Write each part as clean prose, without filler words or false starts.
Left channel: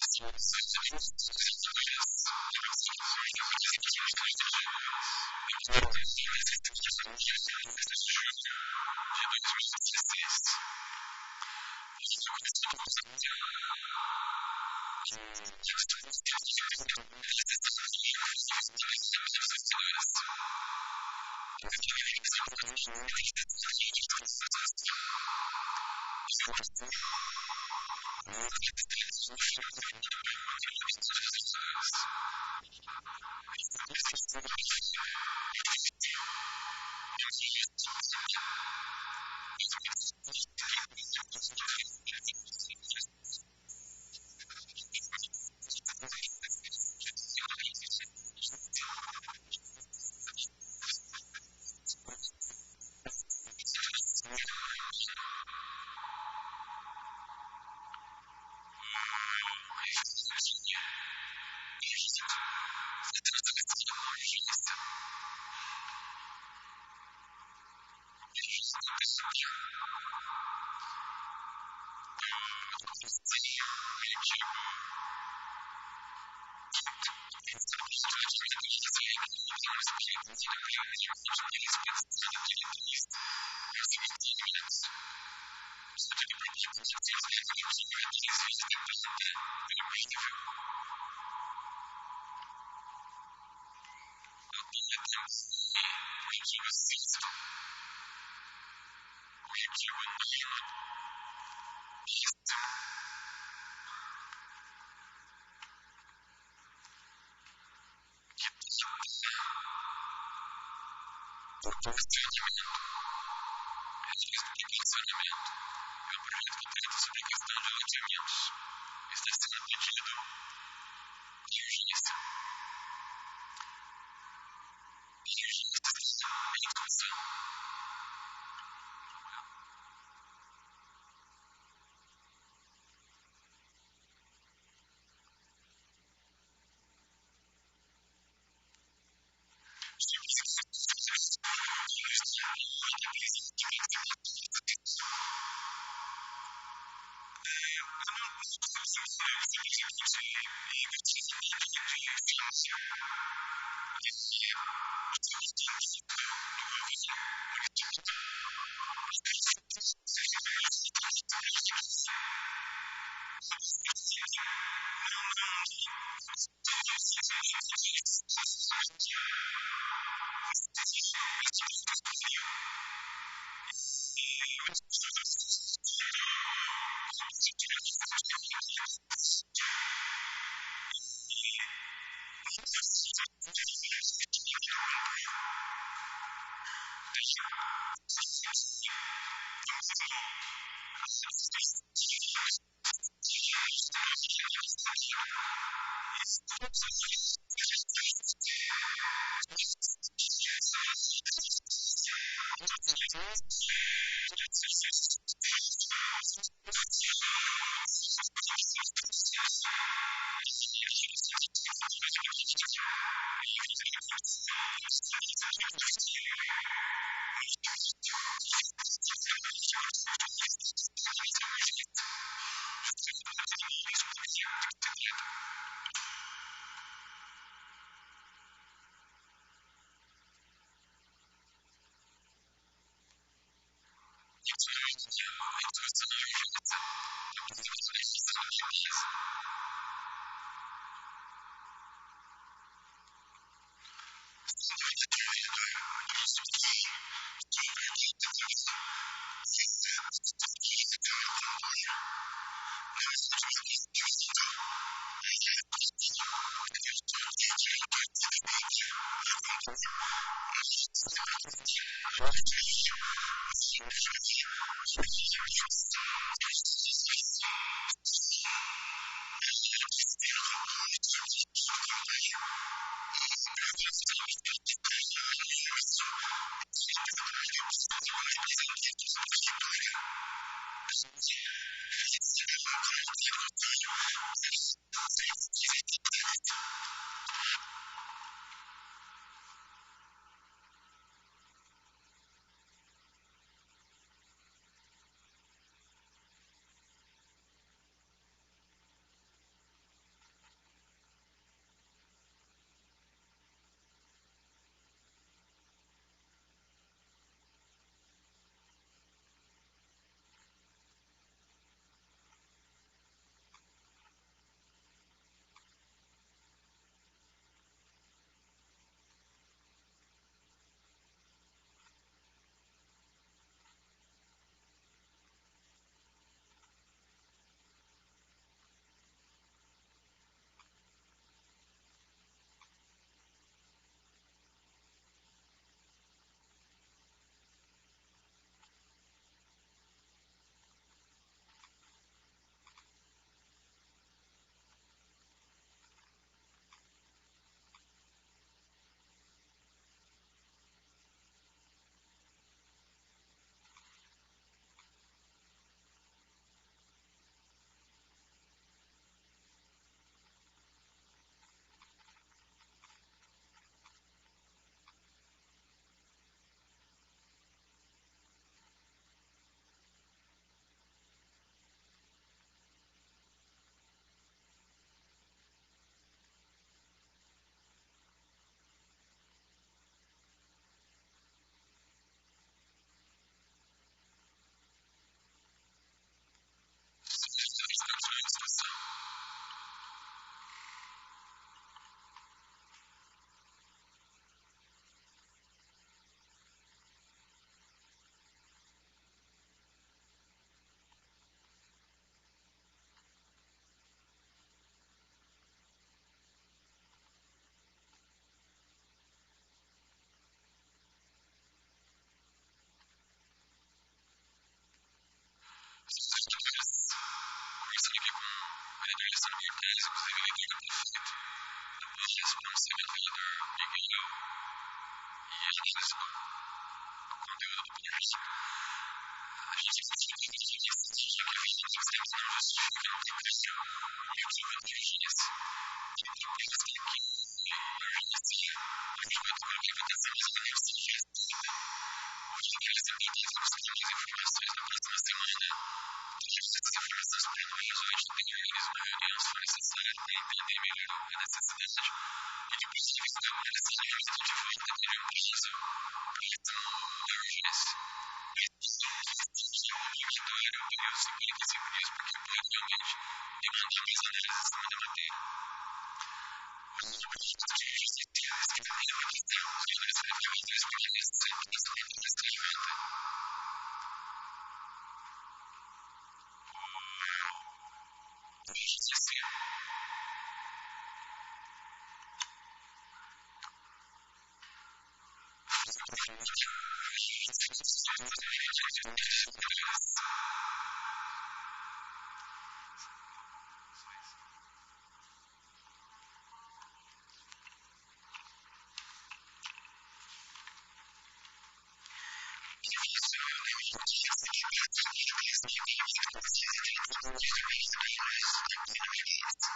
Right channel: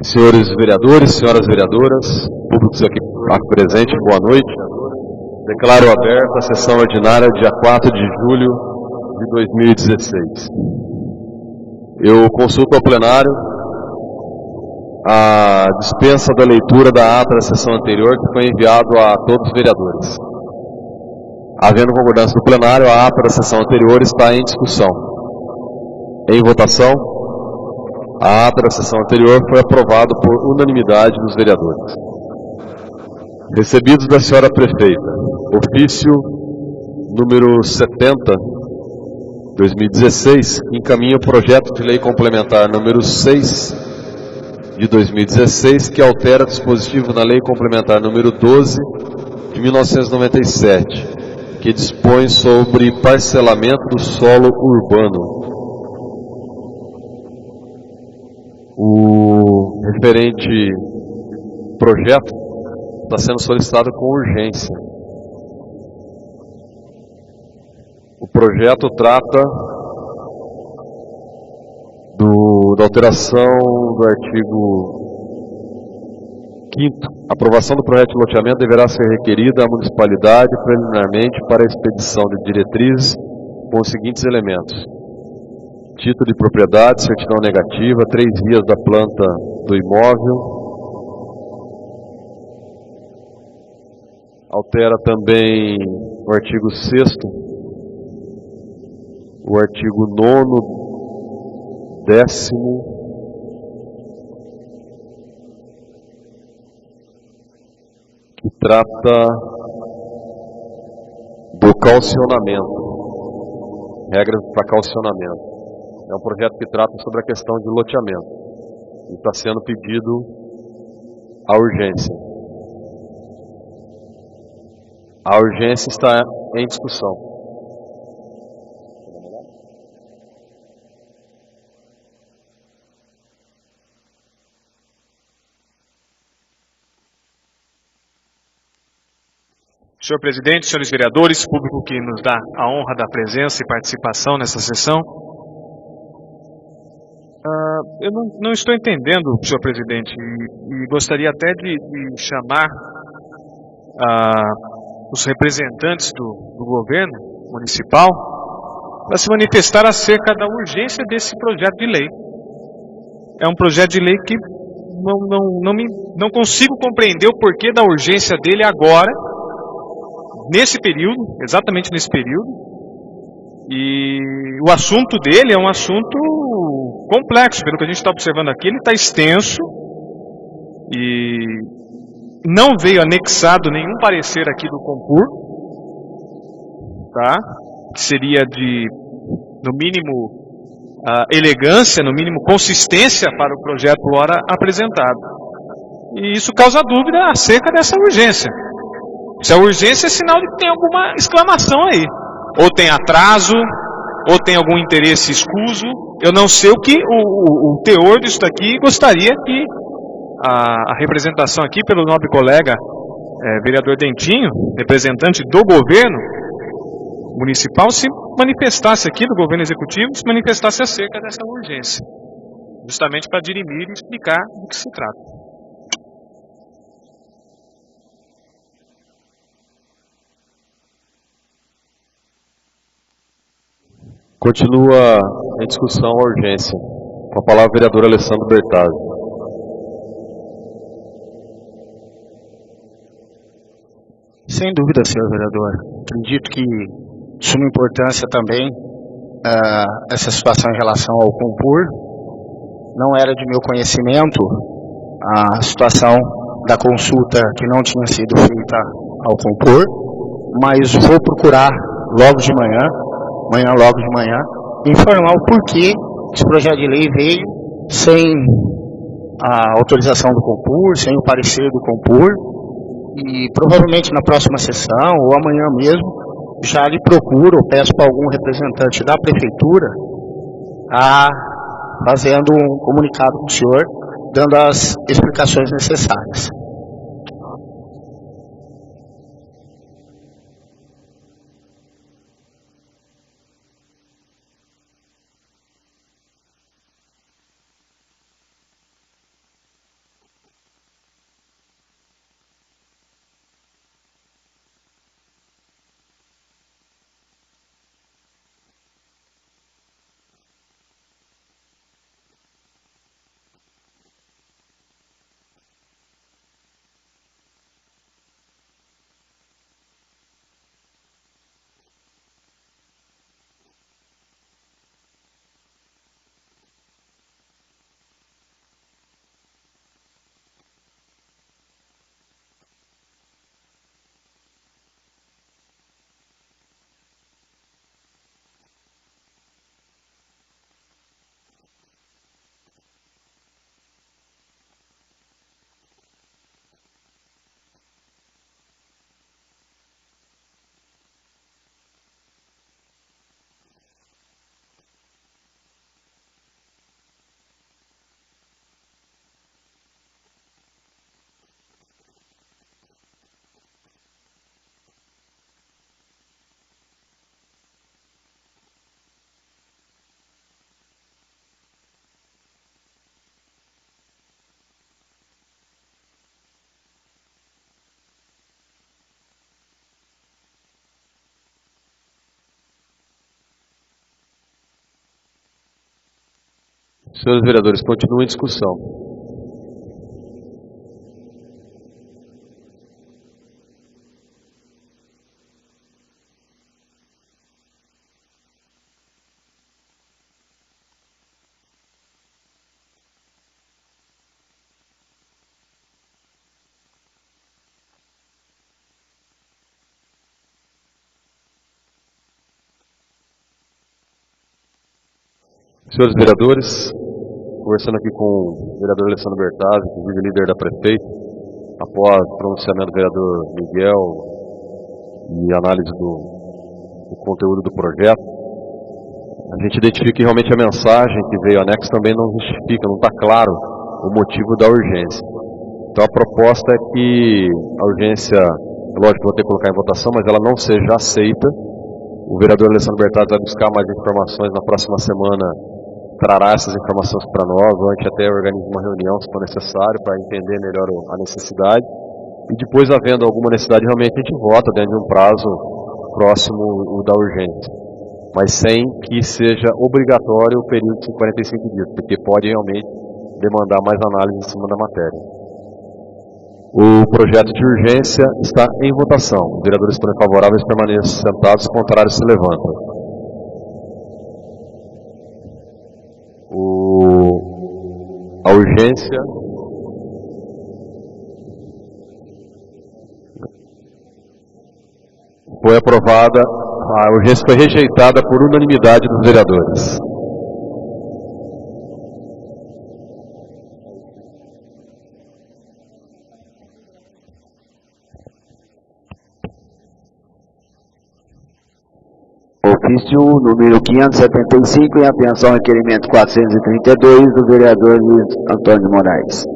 Senhores vereadores, senhoras vereadoras, públicos aqui presente, boa noite. Declaro aberta a sessão ordinária dia 4 de julho de 2016. Eu consulto ao plenário a dispensa da leitura da ata da sessão anterior que foi enviado a todos os vereadores. Havendo concordância do plenário, a ata da sessão anterior está em discussão. Em votação, a ata da sessão anterior foi aprovada por unanimidade dos vereadores. Recebidos da senhora prefeita, ofício número 70, 2016, que encaminha o projeto de lei complementar número 6 de 2016, que altera dispositivo na lei complementar número 12 de 1997, que dispõe sobre parcelamento do solo urbano. O referente projeto está sendo solicitado com urgência. O projeto trata da alteração do artigo 5º. A aprovação do projeto de loteamento deverá ser requerida à municipalidade preliminarmente para a expedição de diretrizes com os seguintes elementos: título de propriedade, certidão negativa, 3 vias da planta do imóvel. Altera também o artigo 6º, o artigo 9º, 10º, que trata do calcionamento, regras para calcionamento. É um projeto que trata sobre a questão de loteamentos. Está sendo pedido a urgência. A urgência está em discussão. Quer dar uma olhada? Senhor presidente, senhores vereadores, público que nos dá a honra da presença e participação nessa sessão, eu não estou entendendo, senhor presidente, e gostaria até de chamar os representantes do governo municipal para se manifestar acerca da urgência desse projeto de lei. É um projeto de lei que não consigo compreender o porquê da urgência dele agora, nesse período, exatamente nesse período. E o assunto dele é um assunto complexo, pelo que a gente está observando aqui. Ele está extenso e não veio anexado nenhum parecer aqui do Compur, tá? Que seria de, no mínimo, elegância, no mínimo consistência para o projeto ora apresentado. E isso causa dúvida acerca dessa urgência. Se a urgência é sinal de que tem alguma exclamação aí. Ou tem atraso, ou tem algum interesse escuso. Eu não sei o que o teor disso daqui. Gostaria que a representação aqui pelo nobre colega vereador Dentinho, representante do governo municipal, se manifestasse aqui, do governo executivo, se manifestasse acerca dessa urgência, justamente para dirimir e explicar de que se trata. Continua em discussão a urgência. Com a palavra o vereador Alessandro Bertazzi. Sem dúvida, senhor vereador. Acredito que de suma importância também essa situação em relação ao Compur. Não era de meu conhecimento a situação da consulta que não tinha sido feita ao Compur, mas vou procurar logo de manhã, logo de manhã, me informar o porquê esse projeto de lei veio sem a autorização do Compur, sem o parecer do Compur. E provavelmente na próxima sessão, ou amanhã mesmo, já lhe procuro, ou peço para algum representante da prefeitura fazendo um comunicado com o senhor, dando as explicações necessárias. Senhores vereadores, continua em discussão. Senhores vereadores, conversando aqui com o vereador Alessandro Bertazzi, inclusive líder da prefeita, após pronunciamento do vereador Miguel e análise do conteúdo do projeto, a gente identifica que realmente a mensagem que veio anexo também não justifica, não está claro o motivo da urgência. Então a proposta é que a urgência, lógico, vou ter que colocar em votação, mas ela não seja aceita. O vereador Alessandro Bertazzi vai buscar mais informações na próxima semana, trará essas informações para nós, ou a gente até organiza uma reunião, se for necessário, para entender melhor a necessidade. E depois, havendo alguma necessidade, realmente a gente vota dentro de um prazo próximo da urgência. Mas sem que seja obrigatório o período de 45 dias, porque pode realmente demandar mais análise em cima da matéria. O projeto de urgência está em votação. Os vereadores forem favoráveis, permaneçam sentados, os contrários se levantem. A urgência foi aprovada, a urgência foi rejeitada por unanimidade dos vereadores. Ofício número 575, em atenção ao requerimento 432 do vereador Luiz Antônio de Moraes.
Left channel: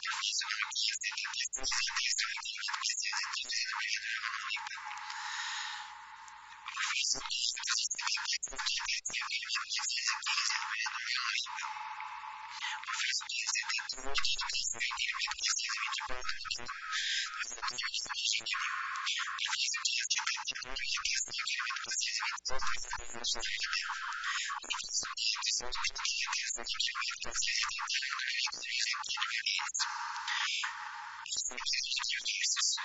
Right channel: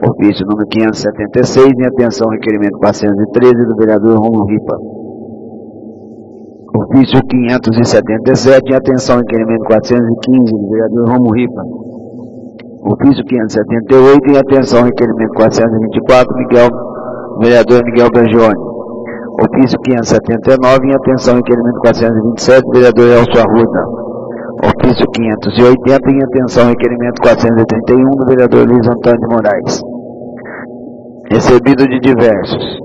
Ofício número 576, em atenção ao requerimento 413 do vereador Romulo Ripa. Ofício 577, em atenção ao requerimento 415 do vereador Romulo Ripa. Ofício 578, em atenção ao requerimento 424 do vereador Miguel Bragioni. Ofício 579, em atenção ao requerimento 427, do vereador Elcio Arruda. Ofício 580, em atenção ao requerimento 431, do vereador Luiz Antônio de Moraes. Recebido de diversos.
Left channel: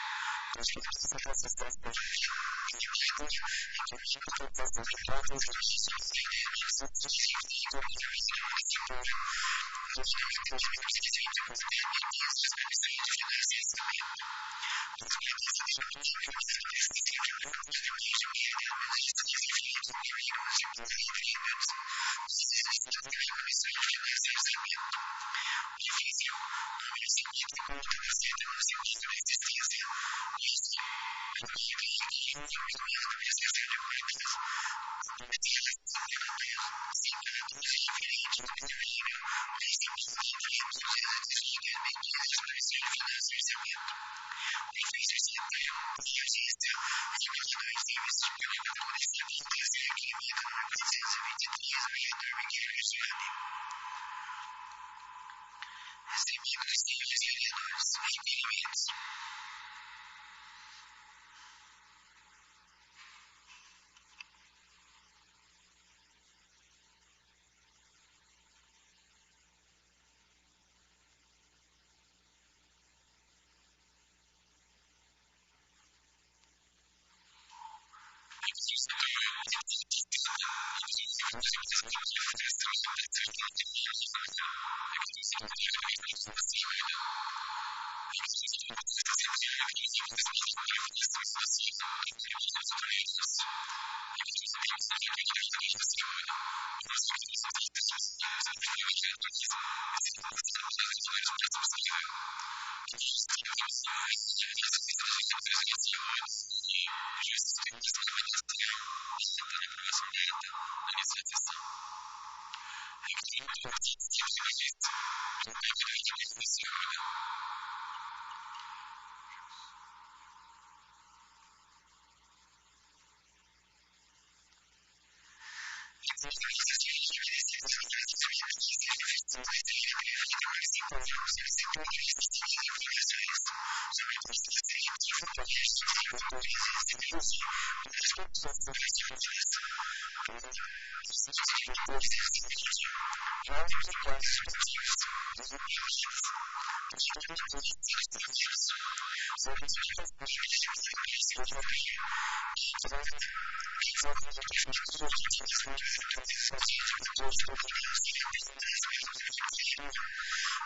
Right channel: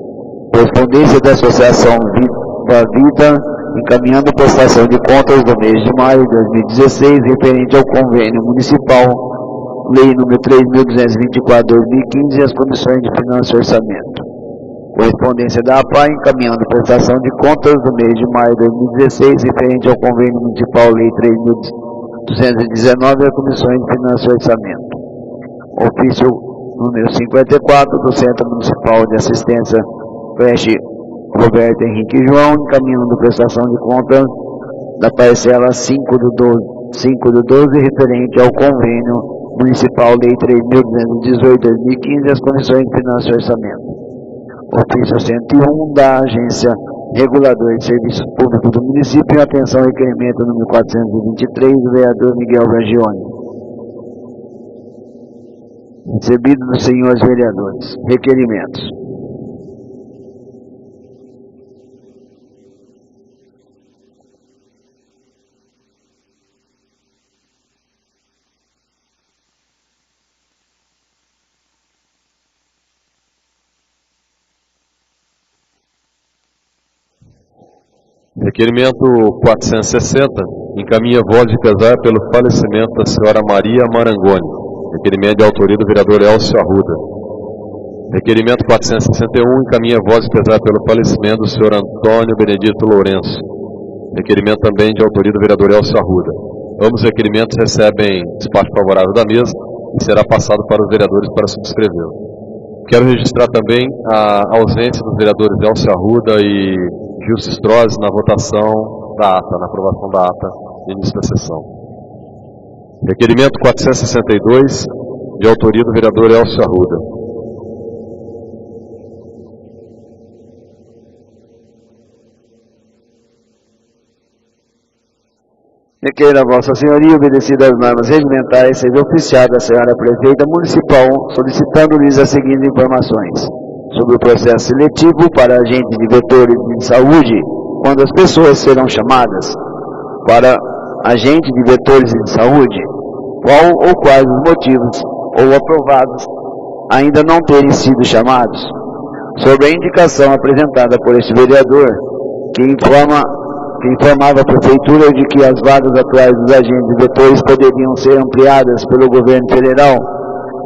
Correspondência da Associação Viva Vida, encaminhando prestação de contas do mês de maio de 2016, referente ao convênio municipal, lei número 3.224/2015, e as comissões de finanças e orçamento. Correspondência da APA, encaminhando prestação de contas do mês de maio de 2016, referente ao convênio municipal lei 3.219 e as comissões de finanças e orçamento. Ofício número 54 do Centro Municipal de Assistência creche Roberto Henrique João, encaminhando prestação de contas da parcela 5 do 12, referente ao convênio municipal lei 3.218/2015 e as comissões de finanças e orçamento. Ofício 101 da Agência Reguladora de Serviços Públicos do município, em atenção ao requerimento número 423 do vereador Miguel Bragioni. Recebido dos senhores vereadores. Requerimentos. Requerimento 460, encaminha voz de pesar pelo falecimento da senhora Maria Marangoni. Requerimento de autoria do vereador Elcio Arruda. Requerimento 461, encaminha voz de pesar pelo falecimento do senhor Antônio Benedito Lourenço. Requerimento também de autoria do vereador Elcio Arruda. Ambos recerimentos recebem despacho favorável da mesa e será passado para os vereadores para subscrevê-lo. Quero registrar também a ausência dos vereadores Elcio Arruda e Gilson Strozzi na votação da ata, na aprovação da ata no início da sessão. Requerimento 462, de autoria do vereador Elcio Arruda. Requeira a Vossa Senhoria, obedecidas as normas regimentais, seja oficiada a senhora prefeita municipal, solicitando-lhes as seguintes informações sobre o processo seletivo para agentes de vetores de saúde, quando as pessoas serão chamadas para agente de vetores de saúde, qual ou quais os motivos ou aprovados ainda não terem sido chamados. Sobre a indicação apresentada por este vereador, que informava a Prefeitura de que as vagas atuais dos agentes e vetores poderiam ser ampliadas pelo governo federal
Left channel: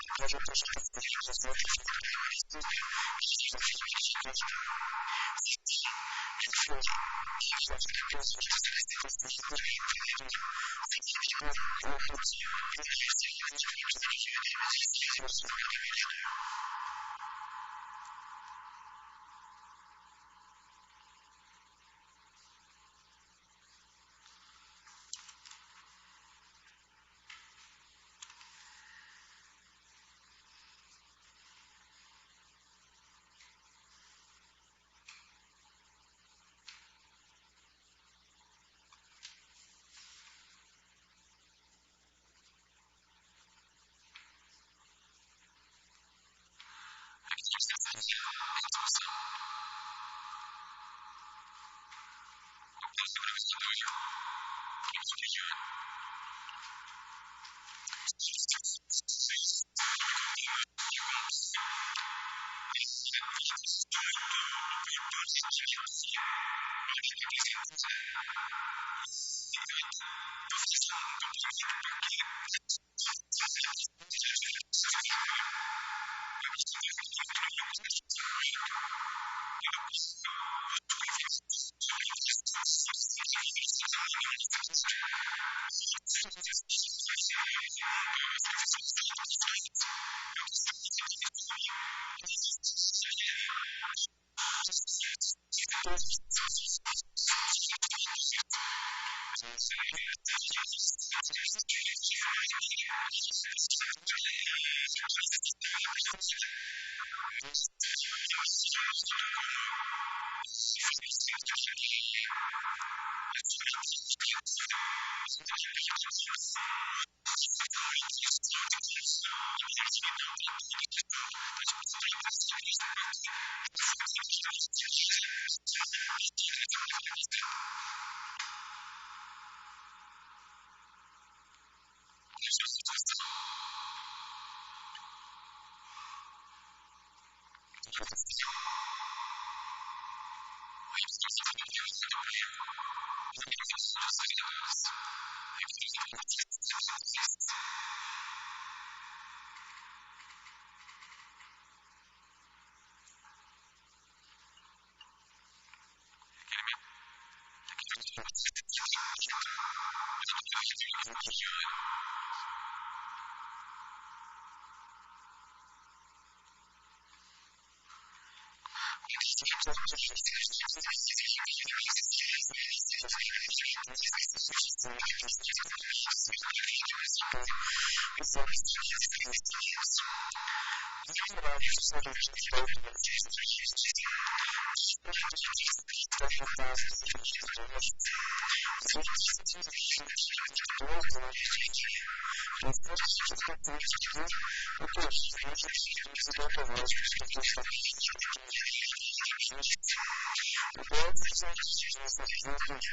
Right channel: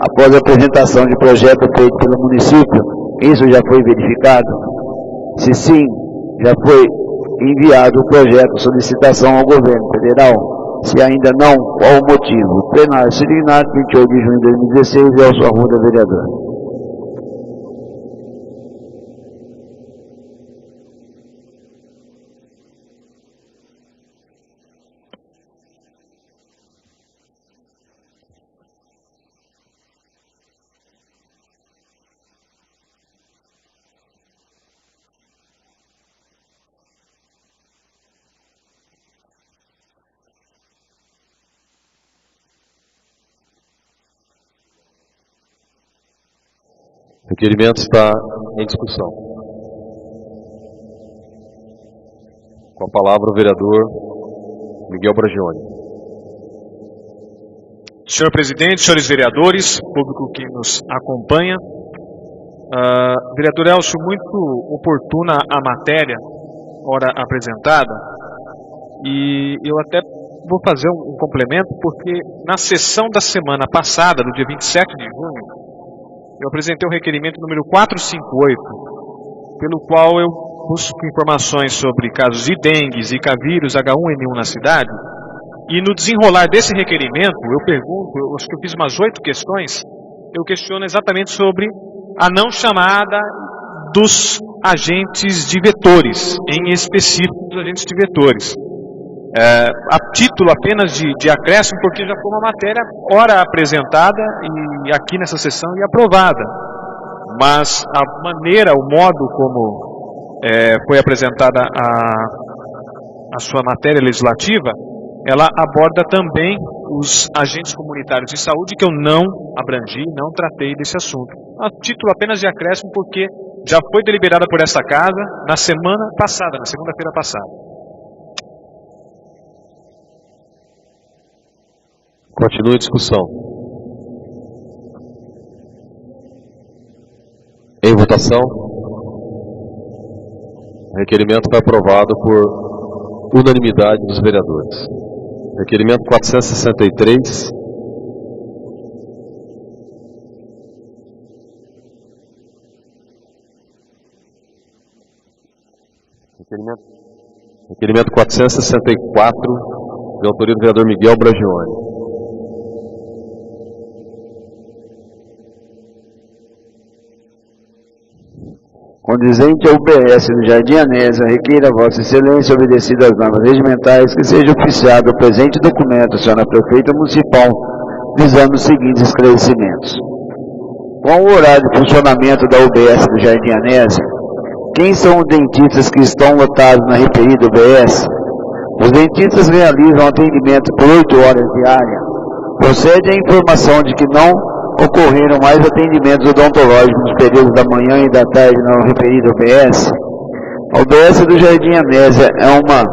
após a apresentação de projeto feito pelo município, isso já foi verificado? Se sim, já foi enviado o projeto solicitação ao governo federal? Se ainda não, qual o motivo? Plenário Sirignato, 28 de junho de 2016, Elcio Arruda, vereador. O requerimento está em discussão. Com a palavra o vereador Miguel Bragione. Senhor presidente, senhores vereadores, público que nos acompanha, vereador Elcio, muito oportuna a matéria, ora apresentada, e eu até vou fazer um complemento, porque na sessão da semana passada, do dia 27 de junho, eu apresentei o requerimento número 458, pelo qual eu busco informações sobre casos de dengue, zika vírus, H1N1 na cidade, e no desenrolar desse requerimento, eu pergunto, eu acho que eu fiz umas 8 questões, eu questiono exatamente sobre a não chamada dos agentes de vetores, em específico dos agentes de vetores. A título apenas de acréscimo, porque já foi uma matéria ora apresentada e aqui nessa sessão e aprovada. Mas a maneira, o modo como foi apresentada a sua matéria legislativa, ela aborda também os agentes comunitários de saúde, que eu não abrangi, não tratei desse assunto. Então, a título apenas de acréscimo, porque já foi deliberada por esta casa na semana passada, na segunda-feira passada. Continua a discussão. Em votação. O requerimento foi aprovado por unanimidade dos vereadores. Requerimento 463. Requerimento 464, de autoria do vereador Miguel Bragione. Condizente ao UBS do Jardim Anésia, requeira a Vossa Excelência, obedecido às normas regimentais, que seja oficiado o presente documento à senhora Prefeita Municipal, visando os seguintes esclarecimentos. Com o horário de funcionamento da UBS do Jardim Anésia, quem são os dentistas que estão lotados na referida UBS? Os dentistas realizam atendimento por 8 horas diárias. Procede a informação de que não ocorreram mais atendimentos odontológicos nos períodos da manhã e da tarde na referida UBS. A UBS do Jardim Anésia é uma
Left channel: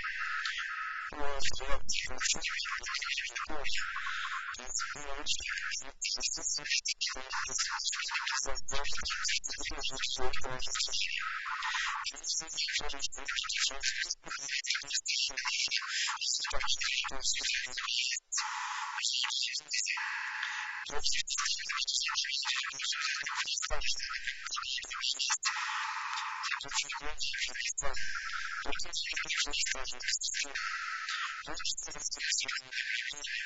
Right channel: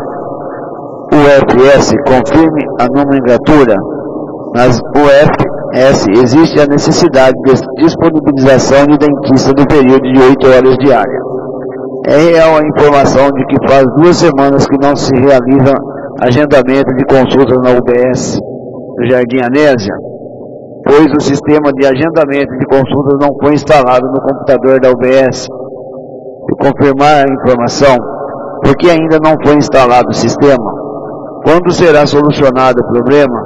UFS, confirme a nomenclatura. Nas UFS existe a necessidade de disponibilização de dentista no período de 8 horas diárias. É real a informação de que faz 2 semanas que não se realiza agendamento de consultas na UBS do Jardim Anésia, pois o sistema de agendamento de consultas não foi instalado no computador da UBS. Se confirmar a informação, por que ainda não foi instalado o sistema? Quando será solucionado o problema?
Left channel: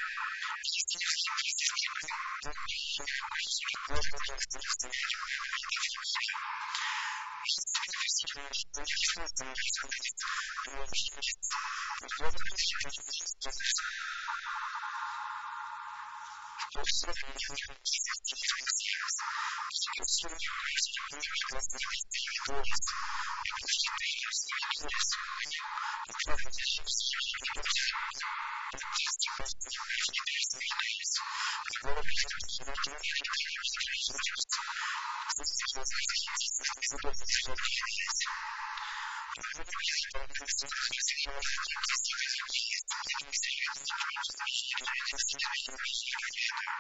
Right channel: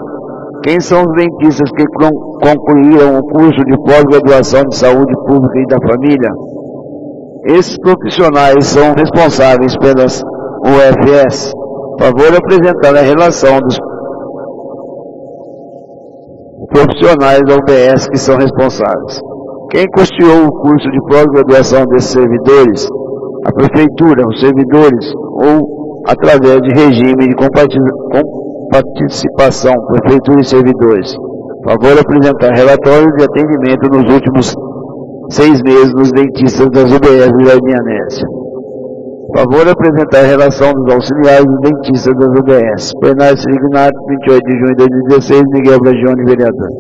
Quem são os dentistas que concluíram o curso de pós-graduação de saúde pública e da família? Esses profissionais são responsáveis pelas UFS. Favor apresentar a relação dos profissionais da UBS que são responsáveis. Quem custeou o curso de pós-graduação desses servidores? A Prefeitura, os servidores, ou através de regime de participação, Prefeitura e servidores. Favor apresentar relatório de atendimento nos últimos 6 meses nos dentistas das UBS do Jardim Anésia. Favor apresentar a relação dos auxiliares e dentistas das UBS. Plenário Signat, 28 de junho de 2016, Miguel Bragione, vereador.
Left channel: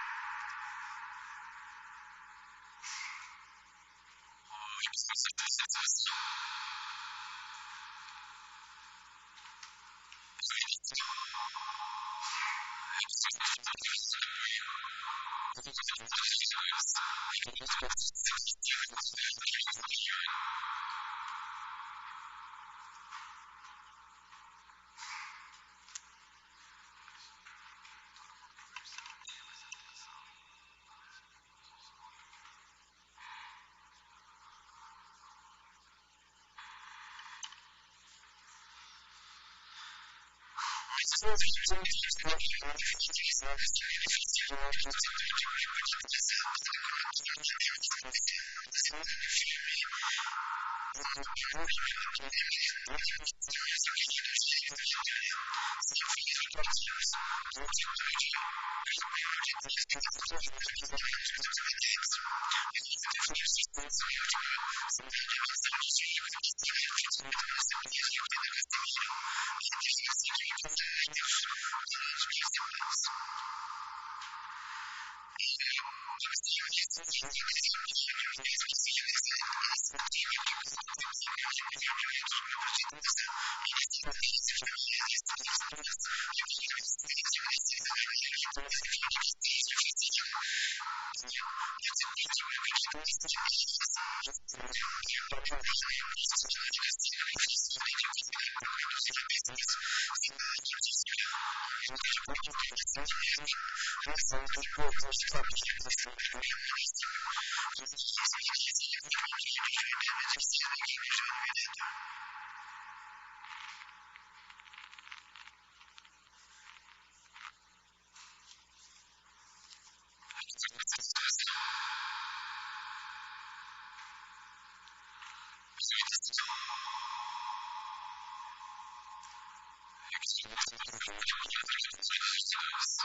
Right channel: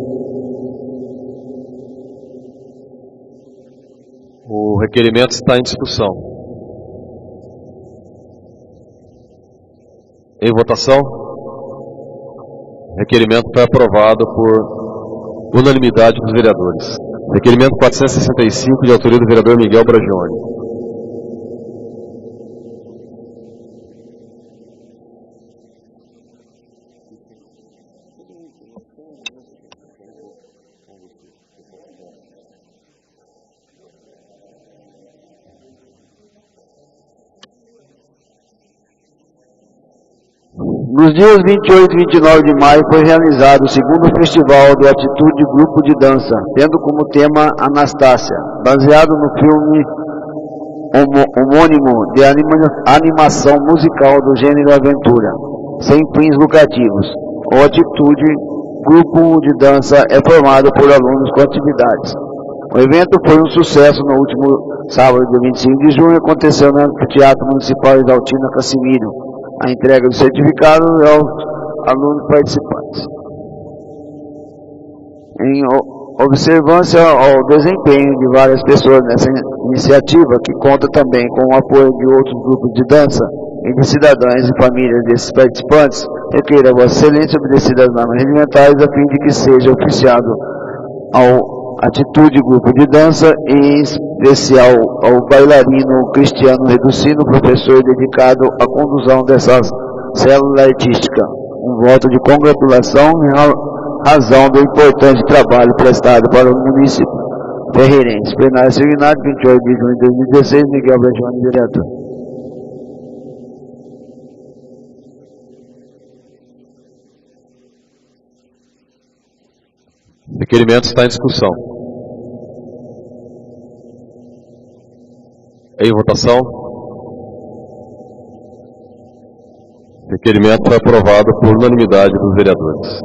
O requerimento está em discussão. Em votação. Requerimento foi aprovado por unanimidade dos vereadores. Requerimento 465, de autoria do vereador Miguel Bragione. Nos dias 28 e 29 de maio foi realizado o segundo festival do Atitude Grupo de Dança, tendo como tema Anastácia, baseado no filme homônimo de animação musical do gênero aventura, sem fins lucrativos. O Atitude Grupo de Dança é formado por alunos com atividades. O evento foi um sucesso no último sábado, dia 25 de junho, aconteceu no Anfiteatro Municipal Exaltina Cassimiro, a entrega do certificado aos alunos participantes. Em observância ao desempenho de várias pessoas nessa iniciativa, que conta também com o apoio de outros grupos de dança e de cidadãos e famílias desses participantes, requeiro a Vossa Excelência obedecer às normas regimentais a fim de que seja oficiado ao Atitude Grupo de Dança, e em especial ao bailarino Cristiano Reducino, professor dedicado à condução dessas células artísticas. Um voto de congratulação em razão do importante trabalho prestado para o município ferreirense. Plenário Signat, 28 de junho de 2016, Miguel Bragione, vereador. Requerimento está em discussão. Em votação. Requerimento foi aprovado por unanimidade dos vereadores.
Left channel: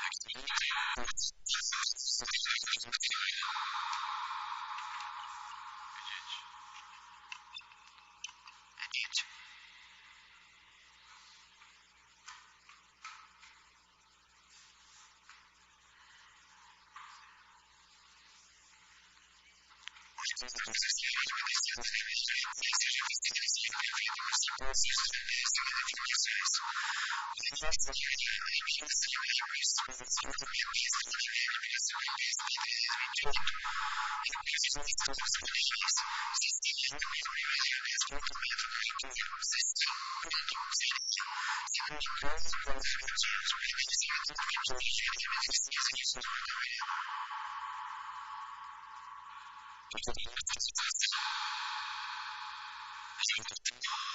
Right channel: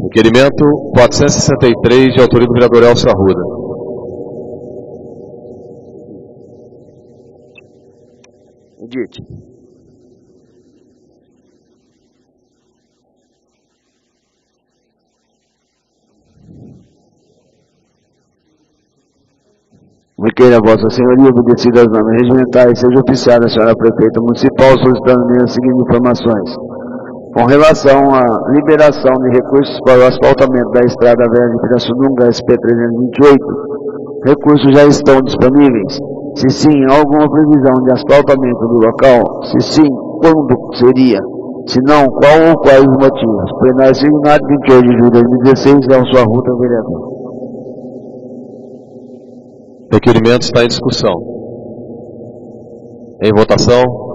Requerimento 463, de autoria do vereador Elcio Arruda. Edite. Requeiro a Vossa Senhoria, obedecida às normas regimentais, seja oficiada a senhora prefeita municipal, solicitando as seguintes informações. Com relação à liberação de recursos para o asfaltamento da Estrada Velha de Pirassununga, SP-328, recursos já estão disponíveis? Se sim, há alguma previsão de asfaltamento do local? Se sim, quando seria? Se não, qual ou quais os motivos? Plenário Signat, 28 de junho de 2016, Elcio Arruda, vereador. Requerimento está em discussão. Em votação.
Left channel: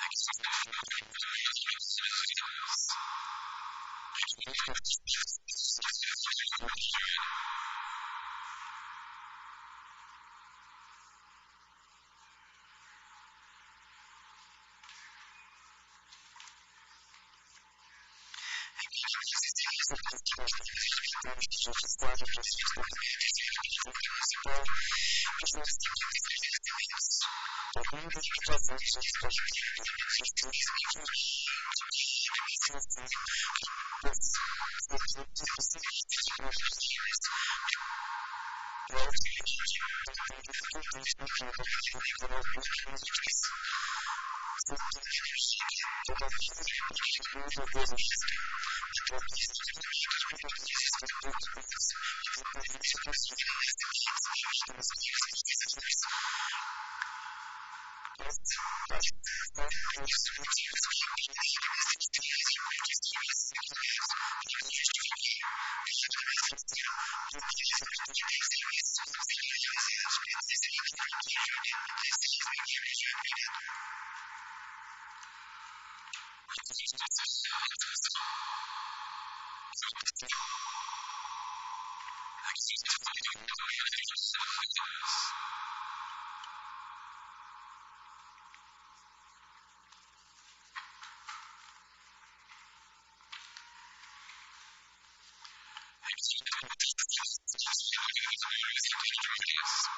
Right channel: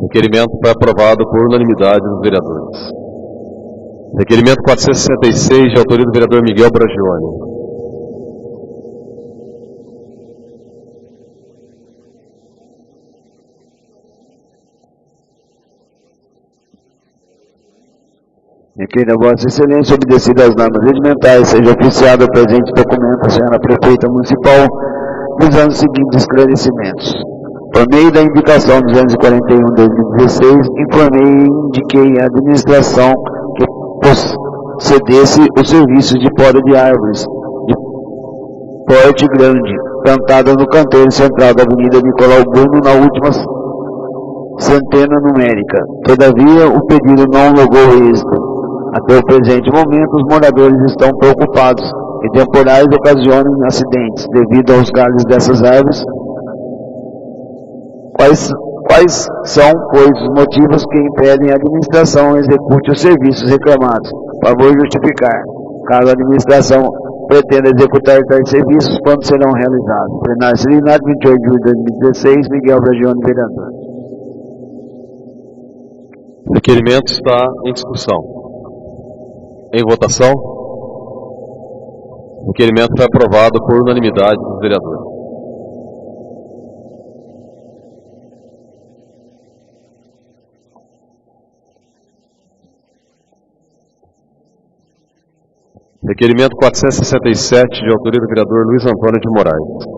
Requerimento foi aprovado por unanimidade dos vereadores. Requerimento 466, de autoria do vereador Miguel Bragione. Requeiro a Vossa Excelência, obedecida às normas regimentais, seja oficiado o presente documento à senhora prefeita municipal, visando os seguintes esclarecimentos. Por meio da indicação 241/2016, informei e indiquei à administração que procedesse os serviços de poda de árvores de porte grande, plantadas no canteiro central da Avenida Nicolau Bruno, na última centena numérica. Todavia, o pedido não logrou êxito. Até o presente momento, os moradores estão preocupados que temporais ocasionem acidentes devido aos galhos dessas árvores. Quais são, pois, os motivos que impedem a administração execute os serviços reclamados? Favor justificar. Caso a administração pretenda executar tais serviços, quando serão realizados? Plenário Signat, 28 de julho de 2016, Miguel Bragione, vereador. Requerimento está em discussão. Em votação. Requerimento foi aprovado por unanimidade dos vereadores. Requerimento 467, de autoria do vereador Luiz Antônio de Moraes.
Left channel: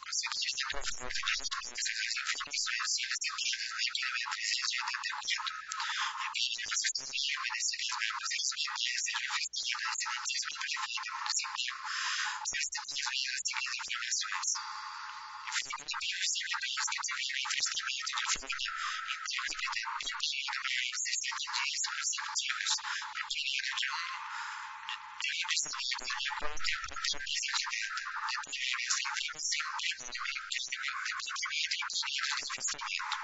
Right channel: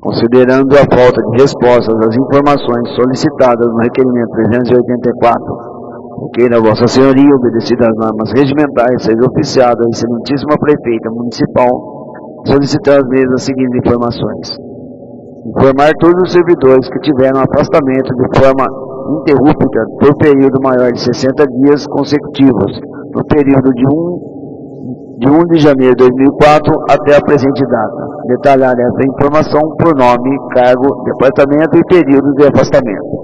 Considerando a falta de respostas às informações solicitadas no requerimento 384, requeira a Vossa Senhoria, obedecidas às normas regimentais, seja oficiado a excelentíssima prefeita municipal, solicitar às mesmas as seguintes informações. Informar todos os servidores que tiveram afastamento de forma interrupta por período maior de 60 dias consecutivos, no período de 1 de janeiro de 2004 até a presente data. Detalhar esta informação por nome, cargo, departamento e períodos de afastamento.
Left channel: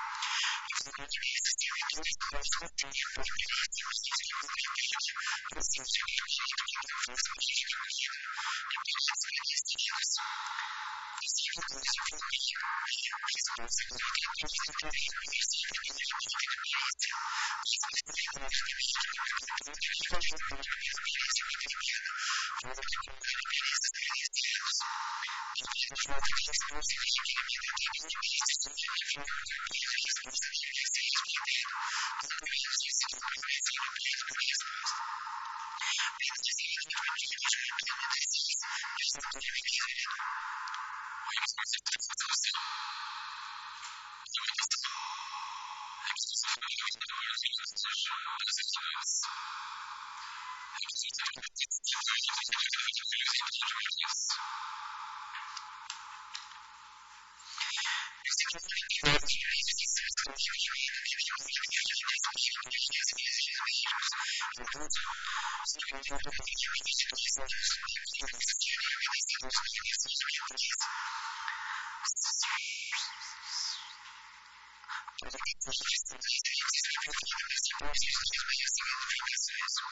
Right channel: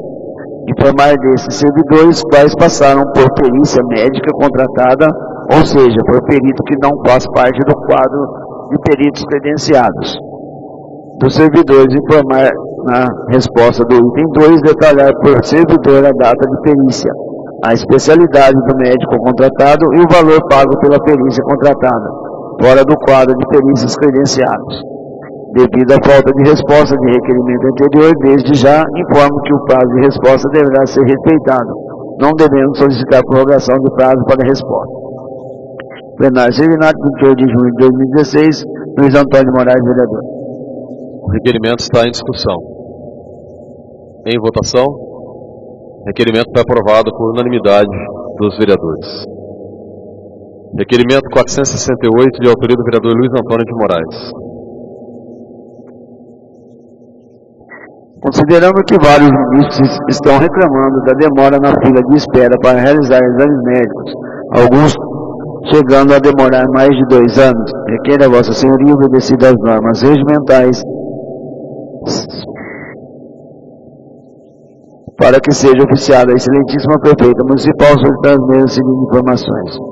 Informar desses servidores quais passaram por perícia médica contratada, ou seja, por perito que não faz parte do quadro de peritos credenciados. Dos servidores, informar na resposta do item 2, detalhar por servidor a data de perícia, a especialidade do médico contratado e o valor pago pela perícia contratada, fora do quadro de perícias credenciados. Devido à falta de resposta de requerimento anterior, desde já informo que o prazo de resposta deverá ser respeitado, não devendo solicitar prorrogação de prazo para resposta. Plenário Servinato, 28 de junho de 2016, Luiz Antônio de Moraes, vereador. O requerimento está em discussão. Em votação, o requerimento foi aprovado por unanimidade dos vereadores. Requerimento 468, de autoria do vereador Luiz Antônio de Moraes. Considerando que vários munícipes estão reclamando da demora na fila de espera para realizar exames médicos, alguns chegando a demorar mais de 2 anos, requer a Vossa Senhoria, obedecido às normas regimentais, para que seja oficiada a excelentíssima prefeita municipal, solicitar as mesmas seguintes informações.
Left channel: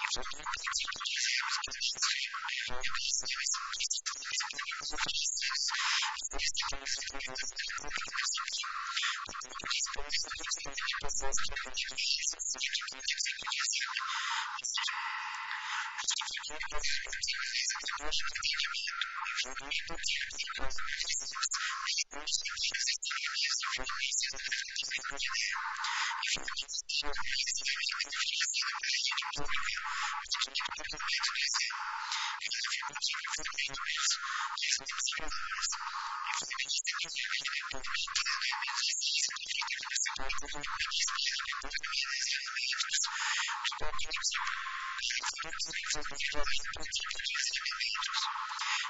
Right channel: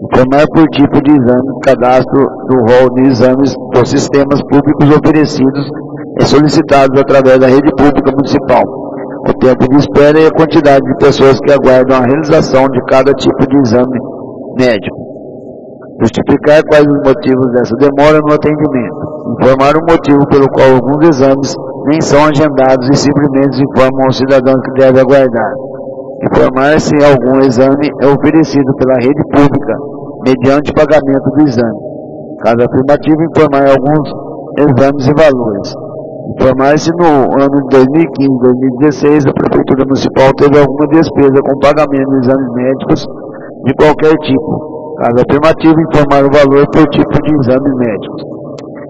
Informar por tipo de exames, cadastro do rol de exames dos sistemas públicos oferecidos e solicitados através da rede pública municipal, o tempo de espera e a quantidade de pessoas que aguardam a realização de cada tipo de exame médico. Justificar quais os motivos dessa demora no atendimento. Informar o motivo pelo qual alguns exames nem são agendados e simplesmente informam aos cidadãos que devem aguardar. Informar se algum exame é oferecido pela rede pública, mediante pagamento do exame. Caso afirmativo, informar alguns exames e valores. Informar se no ano de 2015 e 2016 a Prefeitura Municipal teve alguma despesa com pagamento de exames médicos de qualquer tipo. Caso afirmativo, informar o valor por tipo de exames médicos.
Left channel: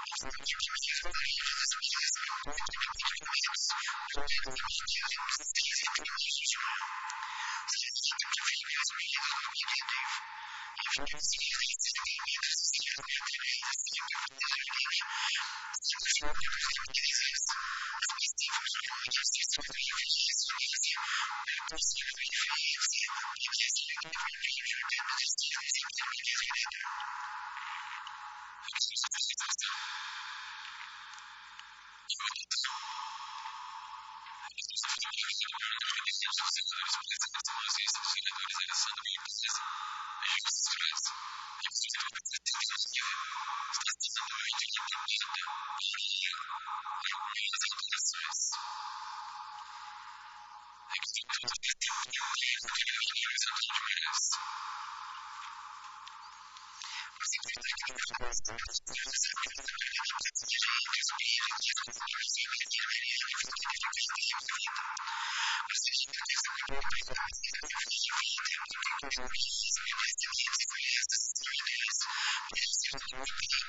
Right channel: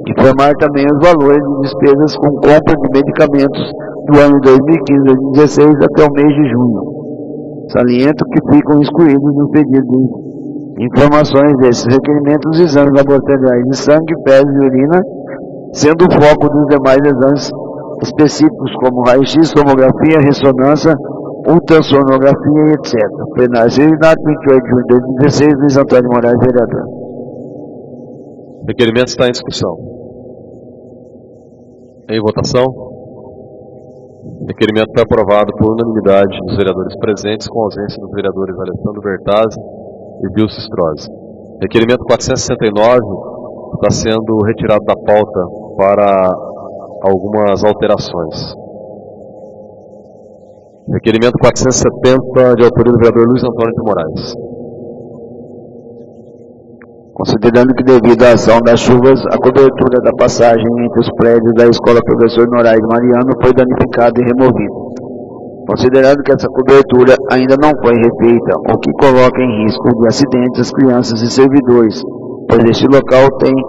Informar também os valores de despesas com compra de medicamentos do ano de 2015 e 2016 até o mês de junho. Saliento que ficam excluídos nos pedidos de informações desses requerimentos os exames laboratoriais de sangue, fezes e urina, sendo o foco dos demais exames específicos como raio-x, tomografia, ressonância, ultrassonografia e etc. Plenário Servinato, 28 de junho de 2016, Luiz Antônio de Moraes, vereador. O requerimento está em discussão. Em votação, o requerimento foi aprovado por unanimidade dos vereadores presentes, com ausência dos vereadores Alessandro Bertazzi e Gilson Strozzi. Requerimento 469 está sendo retirado da pauta para algumas alterações. Requerimento 470, de autoria do vereador Luiz Antônio de Moraes. Considerando que devido à ação das chuvas, a cobertura da passagem entre os prédios da Escola Professor Noraide Mariano foi danificada e removida. Considerando que essa cobertura ainda não foi refeita, o que coloca em risco de acidentes as crianças e servidores, pois este local tem,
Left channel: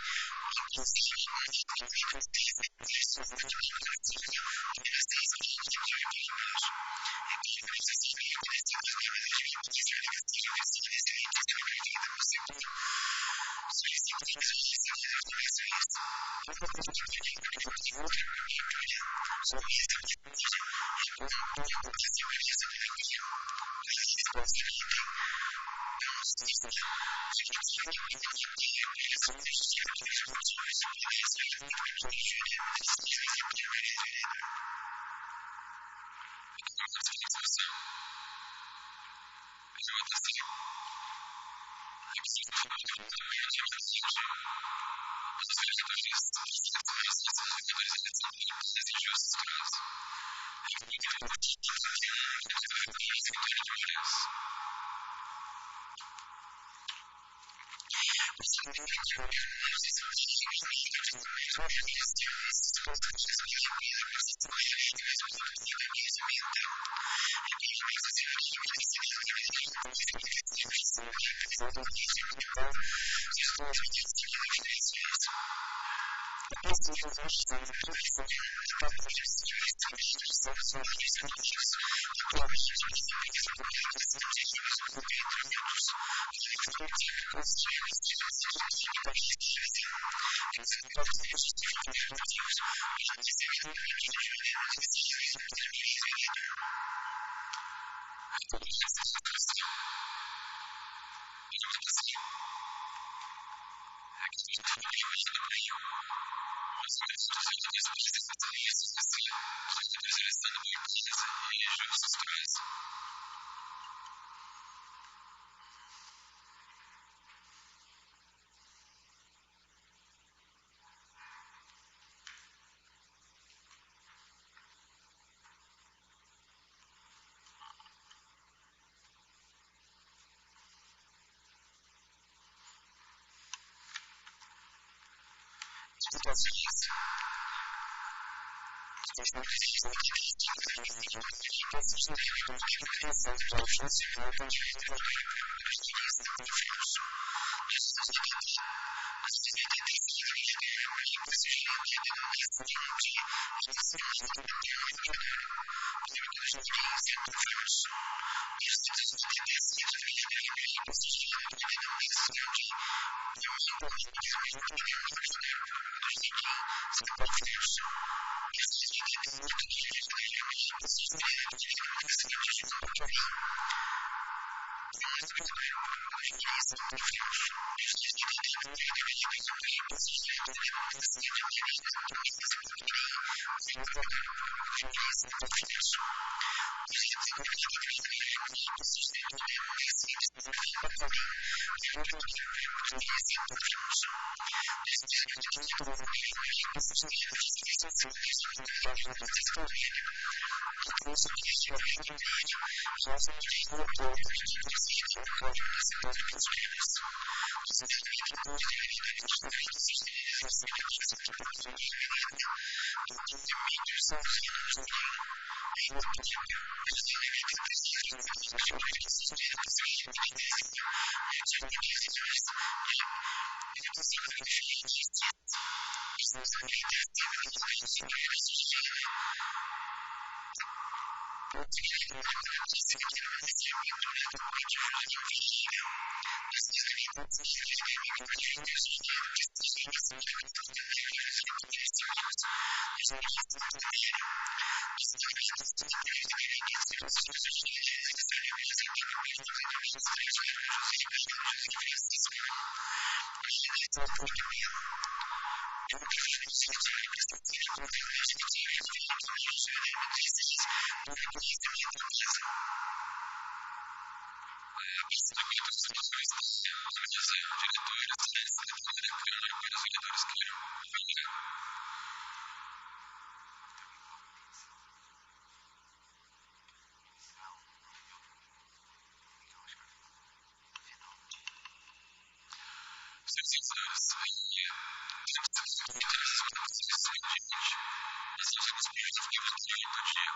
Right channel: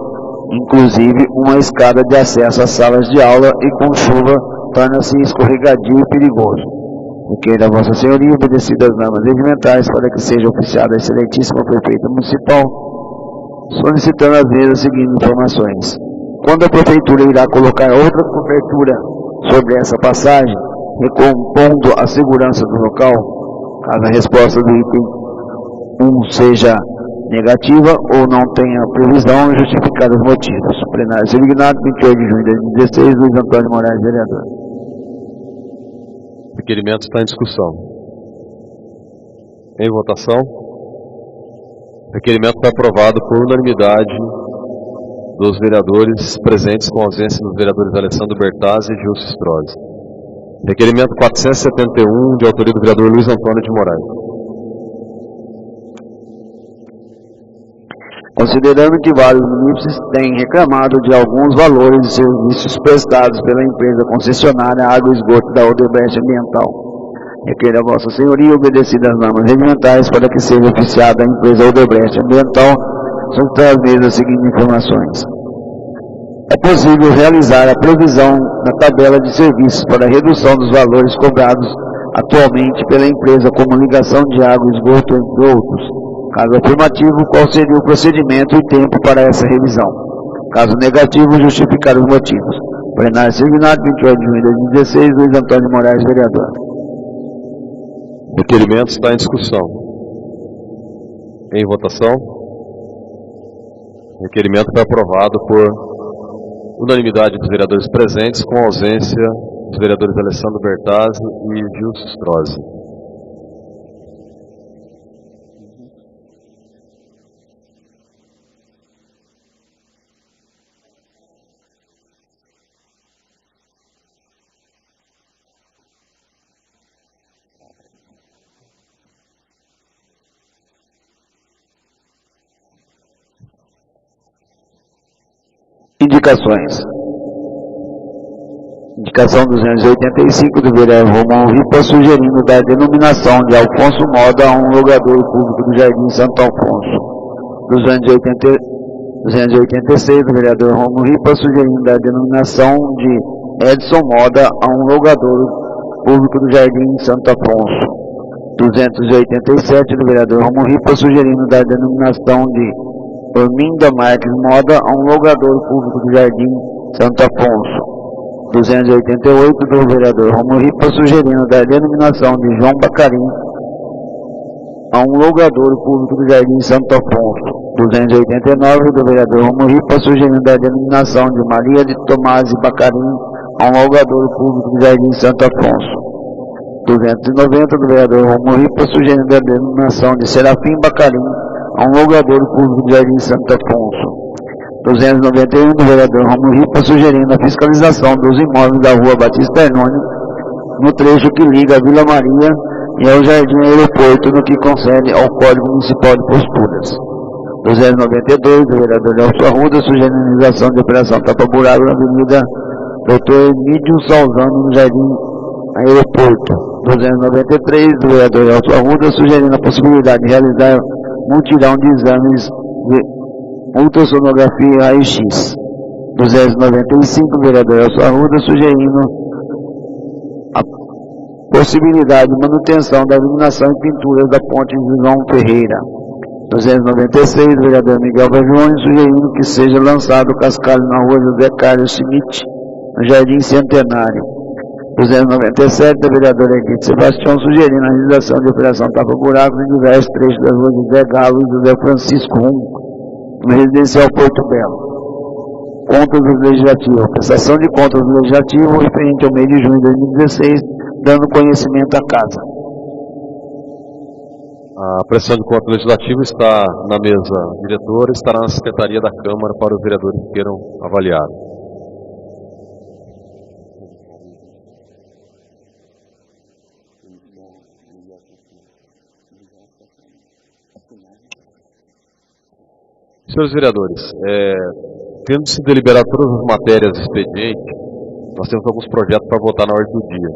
inclusive, uma escada de acesso às salas de aula e com chuva torna-se escorregadio e perigoso. Requer a Vossa Senhoria, obedecidas às normas regimentais, para que seja oficiada a excelentíssima prefeita municipal, solicitando às vezes as seguintes informações. Quando a prefeitura irá colocar outra cobertura sobre essa passagem, recompondo a segurança do local, caso a resposta do item 1 seja negativa ou não tenha previsão, justificar os motivos. Plenário Servinato, 28 de junho de 2016, Luiz Antônio de Moraes, vereador. O requerimento está em discussão. Em votação, o requerimento foi aprovado por unanimidade dos vereadores presentes, com ausência dos vereadores Alessandro Bertazzi e Gilson Strozzi. Requerimento 471, de autoria do vereador Luiz Antônio de Moraes. Considerando que vários munícipes têm reclamado de alguns valores de serviços prestados pela empresa concessionária Água e Esgoto da Odebrecht Ambiental, requer a Vossa Senhoria, obedecidas às normas regimentais, para que seja oficiada a empresa Odebrecht Ambiental, solicitar às mesmas as seguintes informações. É possível realizar a previsão na tabela de serviços para a redução dos valores cobrados atualmente pela empresa como ligação de água e esgoto, entre outros. Caso afirmativo, qual seria o procedimento e tempo para essa revisão? Caso negativo, justificar os motivos. Plenário Signado, 28 de junho de 2016, Luiz Antônio de Moraes, vereador. Requerimento está em discussão. Em votação. Requerimento foi aprovado por unanimidade dos vereadores presentes, com ausência dos vereadores Alessandro Bertazzi e Gilson Strozzi. Indicações. Indicação 285 do vereador Romão Ripa, sugerindo dar denominação de Alfonso Moda a um locadouro público do Jardim Santo Afonso. 286 do vereador Romão Ripa, sugerindo dar denominação de Edson Moda a um locadouro público do Jardim Santo Afonso. 287 do vereador Romão Ripa, sugerindo dar denominação de Orminda Marques Moda a um locadouro público do Jardim Santo Afonso. 288 do vereador Romulo Ripa, sugerindo dar denominação de João Bacarim a um locadouro público do Jardim Santo Afonso. 289 do vereador Romulo Ripa, sugerindo dar denominação de Maria de Tomás e Bacarim a um locadouro público do Jardim Santo Afonso. 290 do vereador Romulo Ripa, sugerindo a denominação de Serafim Bacarim a um locadouro público do Jardim Santo Afonso. 291 do vereador Romulo Ripa, sugerindo a fiscalização dos imóveis da rua Batista Hernoni, no trecho que liga a Vila Maria e ao Jardim Aeroporto, no que concerne ao Código Municipal de Posturas. 292 do vereador Nelson Arruda, sugerindo a realização de operação tapa-buraco na Avenida Dr. Emílio Salzano, no Jardim Aeroporto. 293 do vereador Nelson Arruda, sugerindo a possibilidade de realizar mutirão de exames de ultrassonografia e raio-x. 295 do vereador Nelson Arruda, sugerindo a possibilidade de manutenção da iluminação e pinturas da ponte João Ferreira. 296 do vereador Miguel Bajoni, sugerindo que seja lançado o cascalho na rua José Carlos Schmidt, no Jardim Centenário. 297 da vereadora Edith Sebastião, sugerindo a realização de operação tapa-buracos em diversos trechos da rua José Galo e José Francisco Rum, no residencial Porto Belo. Contas do Legislativo. Prestação de contas do Legislativo referente ao mês de junho de 2016, dando conhecimento à Casa. A prestação de contas do Legislativo está na mesa diretora, estará na Secretaria da Câmara para os vereadores que queiram avaliar. Senhores vereadores, tendo-se deliberado todas as matérias do expediente, nós temos alguns projetos para votar na ordem do dia.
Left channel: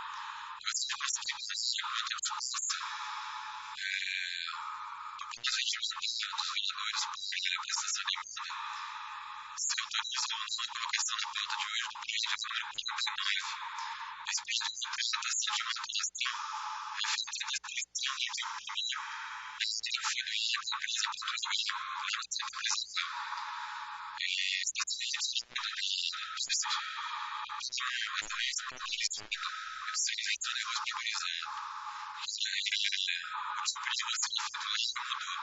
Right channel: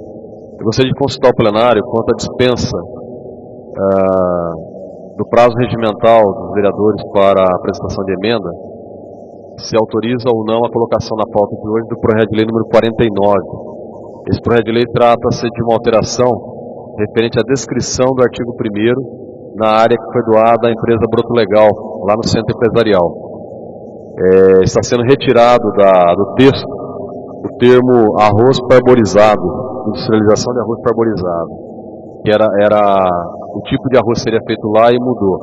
Eu gostaria de consultar o plenário quanto à dispensa do prazo regimental dos vereadores para a apresentação de emenda, se autoriza ou não a colocação na pauta de hoje do projeto de lei número 49. Esse projeto de lei trata-se de uma alteração referente à descrição do artigo 1º na área que foi doada à empresa Broto Legal, lá no centro empresarial. Está sendo retirado do texto o termo arroz parborizado, industrialização de arroz parborizado, que era o tipo de arroz que seria feito lá e mudou.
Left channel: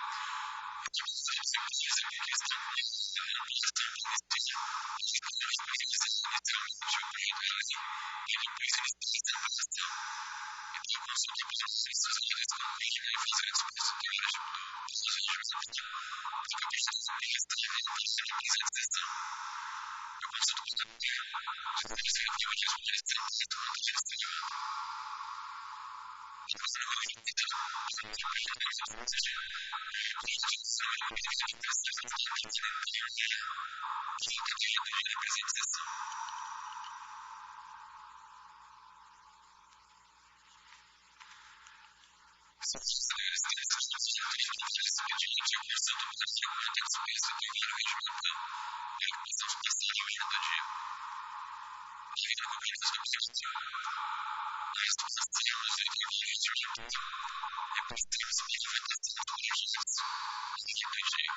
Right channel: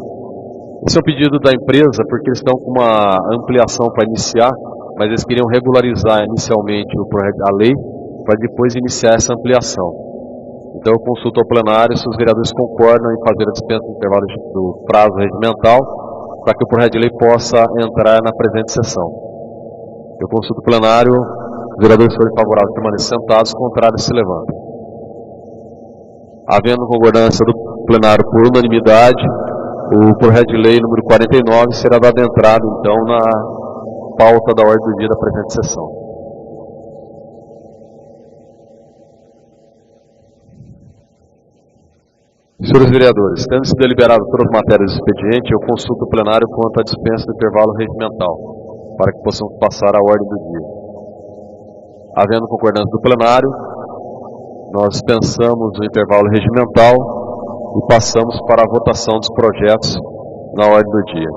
Esse é um pedido da empresa porque eles estão com uma ampliação para iniciar, mas eles queriam regularizar inicialmente a lei para depois iniciar essa ampliação. Então eu consulto ao plenário se os vereadores concordam em fazer a dispensa do intervalo do prazo regimental para que o projeto de lei possa entrar na presente sessão. Eu consulto o plenário, os vereadores que forem favoráveis permanecem sentados, contrários se levantem. Havendo concordância do plenário por unanimidade, o projeto de lei número 49 será dado entrada, então, na pauta da ordem do dia da presente sessão. Senhores vereadores, tendo se deliberado todas as matérias do expediente, eu consulto o plenário quanto à dispensa do intervalo regimental, para que possamos passar à ordem do dia. Havendo concordância do plenário, nós dispensamos o intervalo regimental e passamos para a votação dos projetos na ordem do dia.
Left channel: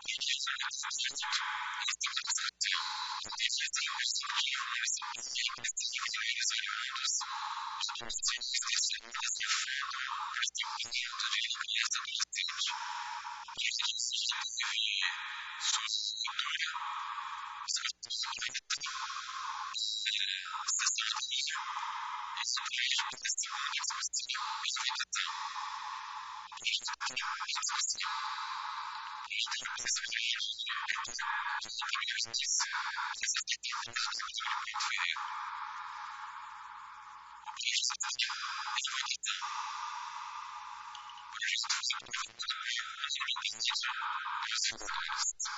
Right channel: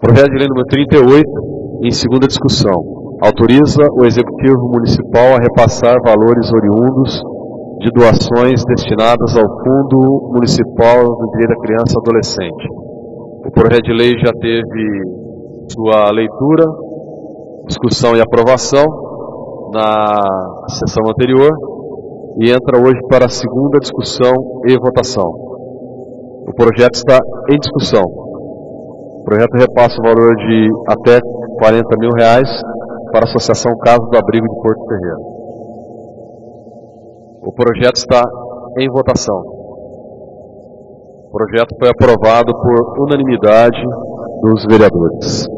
Projeto de lei número 38, em segunda discussão, autoriza o Executivo Municipal a repassar valores oriundos de doações destinadas ao Fundo Municipal do Direito da Criança e Adolescente. O projeto de lei já teve sua leitura, discussão e aprovação na sessão anterior e entra hoje para a segunda discussão e votação. O projeto está em discussão. O projeto repassa o valor de até R$40 mil para a Associação Casa do Abrigo de Porto Ferreira. O projeto está em votação. O projeto foi aprovado por unanimidade dos vereadores.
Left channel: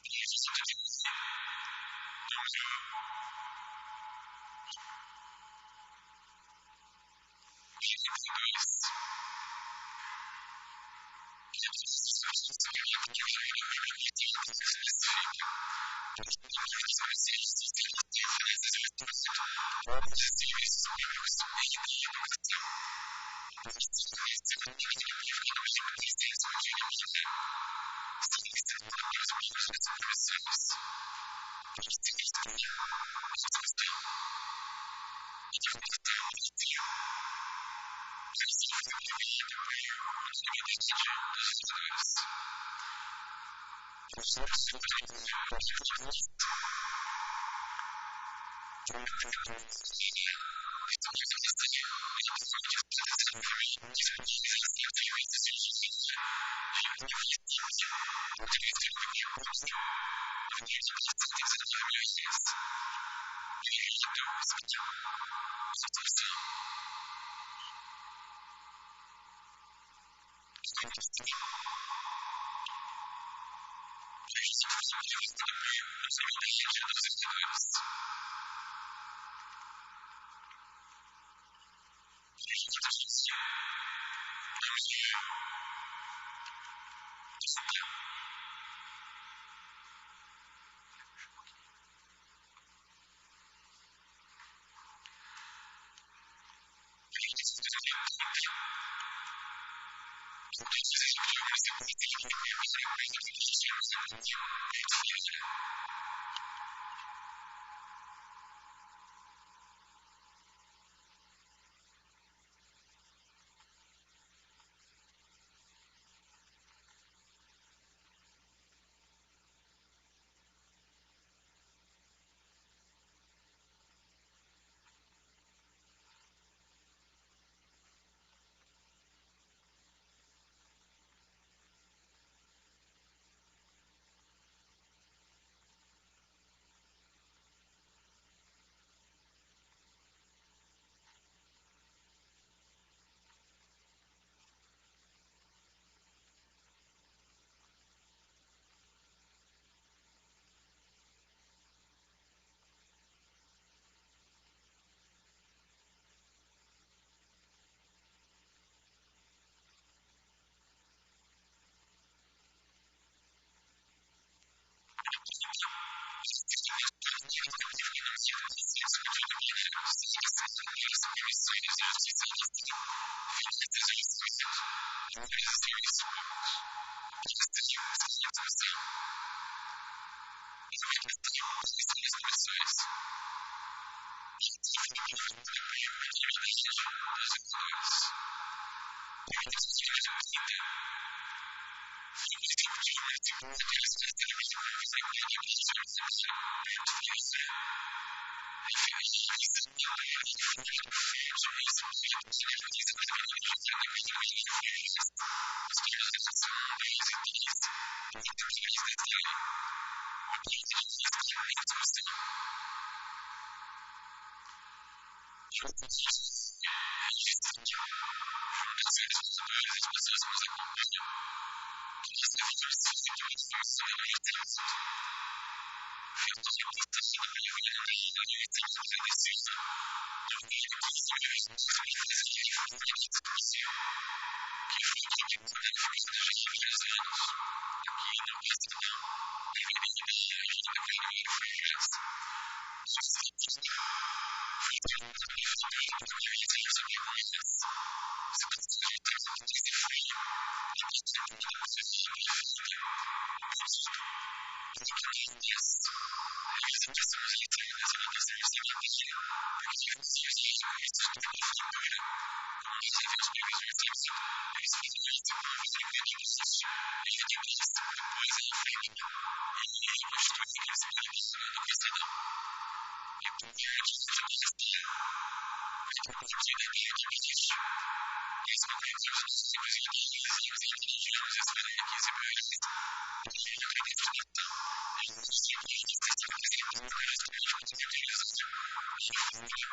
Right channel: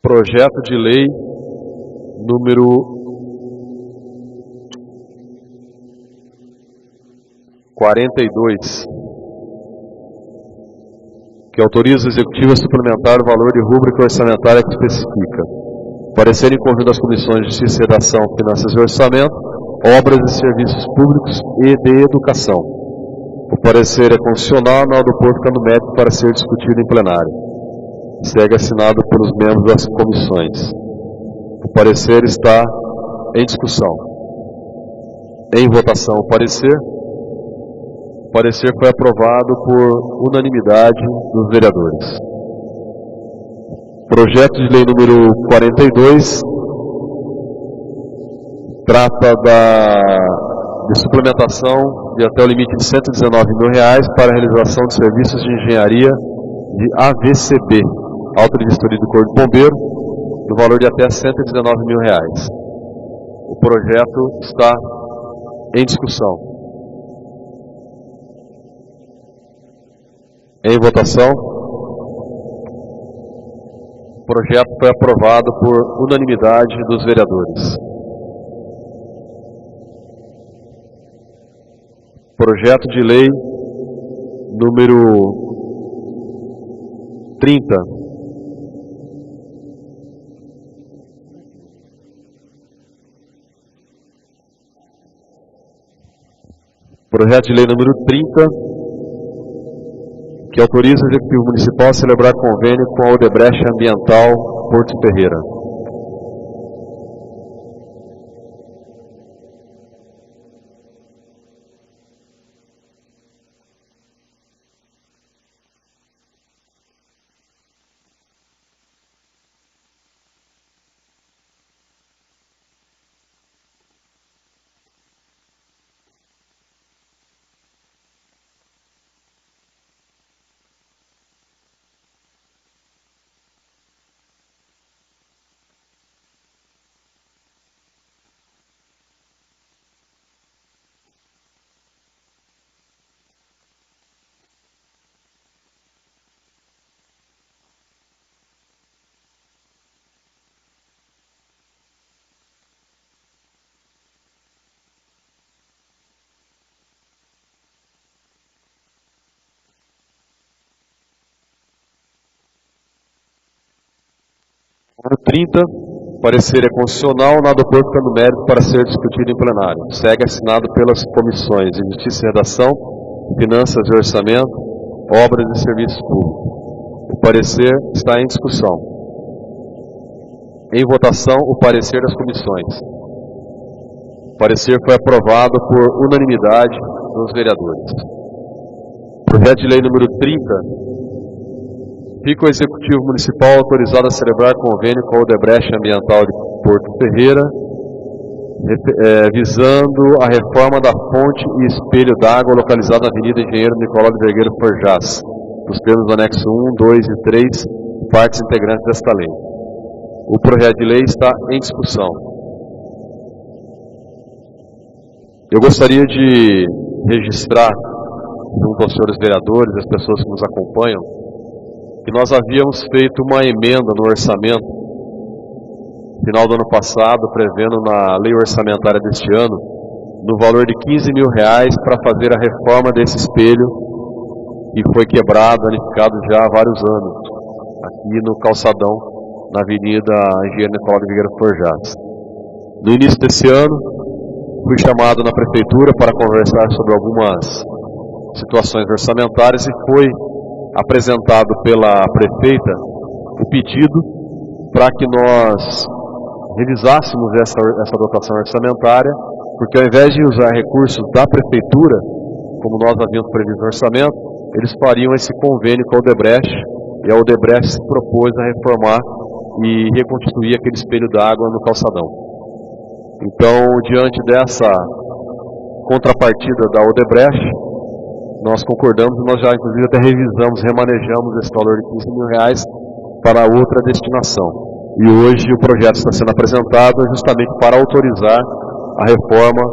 Projeto de lei número 42, que autoriza o Executivo a suplementar o valor de rúbrica orçamentária que especifica: parecer em conjunto das comissões de Justiça, Redação, Finanças e Orçamento, Obras e Serviços Públicos e de Educação. O parecer é constitucional, não do povo ficando mérito para ser discutido em plenário. Segue assinado pelos membros das comissões. O parecer está em discussão. Em votação o parecer. O parecer foi aprovado por unanimidade dos vereadores. Projeto de lei número 42 trata de suplementação de até o limite de R$119 mil para a realização de serviços de engenharia de AVCB, Auto de Vistoria do Corpo de Bombeiro, no valor de até R$119 mil. O projeto está em discussão. Em votação. O projeto foi aprovado por unanimidade dos vereadores. Projeto de lei número 30. Projeto de lei número 30, que autoriza o Executivo Municipal a celebrar convênio com a Odebrecht Ambiental Porto Ferreira. No 30, parecer é constitucional, nada opor fica no mérito para ser discutido em plenário. Segue assinado pelas comissões de Justiça e Redação, Finanças e Orçamento, Obras e Serviços Públicos. O parecer está em discussão. Em votação, o parecer das comissões. O parecer foi aprovado por unanimidade dos vereadores. Projeto de lei número 30. Fica o Executivo Municipal autorizado a celebrar convênio com a Odebrecht Ambiental de Porto Ferreira, visando a reforma da fonte e espelho d'água localizada na Avenida Engenheiro Nicolau de Vergueiro Forjás, nos termos do anexo 1, 2 e 3, partes integrantes desta lei. O projeto de lei está em discussão. Eu gostaria de registrar, junto aos senhores vereadores e às pessoas que nos acompanham, que nós havíamos feito uma emenda no orçamento, final do ano passado, prevendo na lei orçamentária deste ano, no valor de R$15 mil para fazer a reforma desse espelho que foi quebrado, danificado já há vários anos, aqui no calçadão, na Avenida Engenheiro Nicolau de Vieira Forjás. No início desse ano, fui chamado na prefeitura para conversar sobre algumas situações orçamentárias e foi apresentado pela prefeita o pedido para que nós revisássemos essa dotação orçamentária, porque ao invés de usar recursos da prefeitura, como nós havíamos previsto no orçamento, eles fariam esse convênio com a Odebrecht, e a Odebrecht se propôs a reformar e reconstituir aquele espelho d'água no calçadão. Então, diante dessa contrapartida da Odebrecht, nós concordamos e nós já inclusive até remanejamos esse valor de R$15 mil para outra destinação. E hoje o projeto está sendo apresentado justamente para autorizar a reforma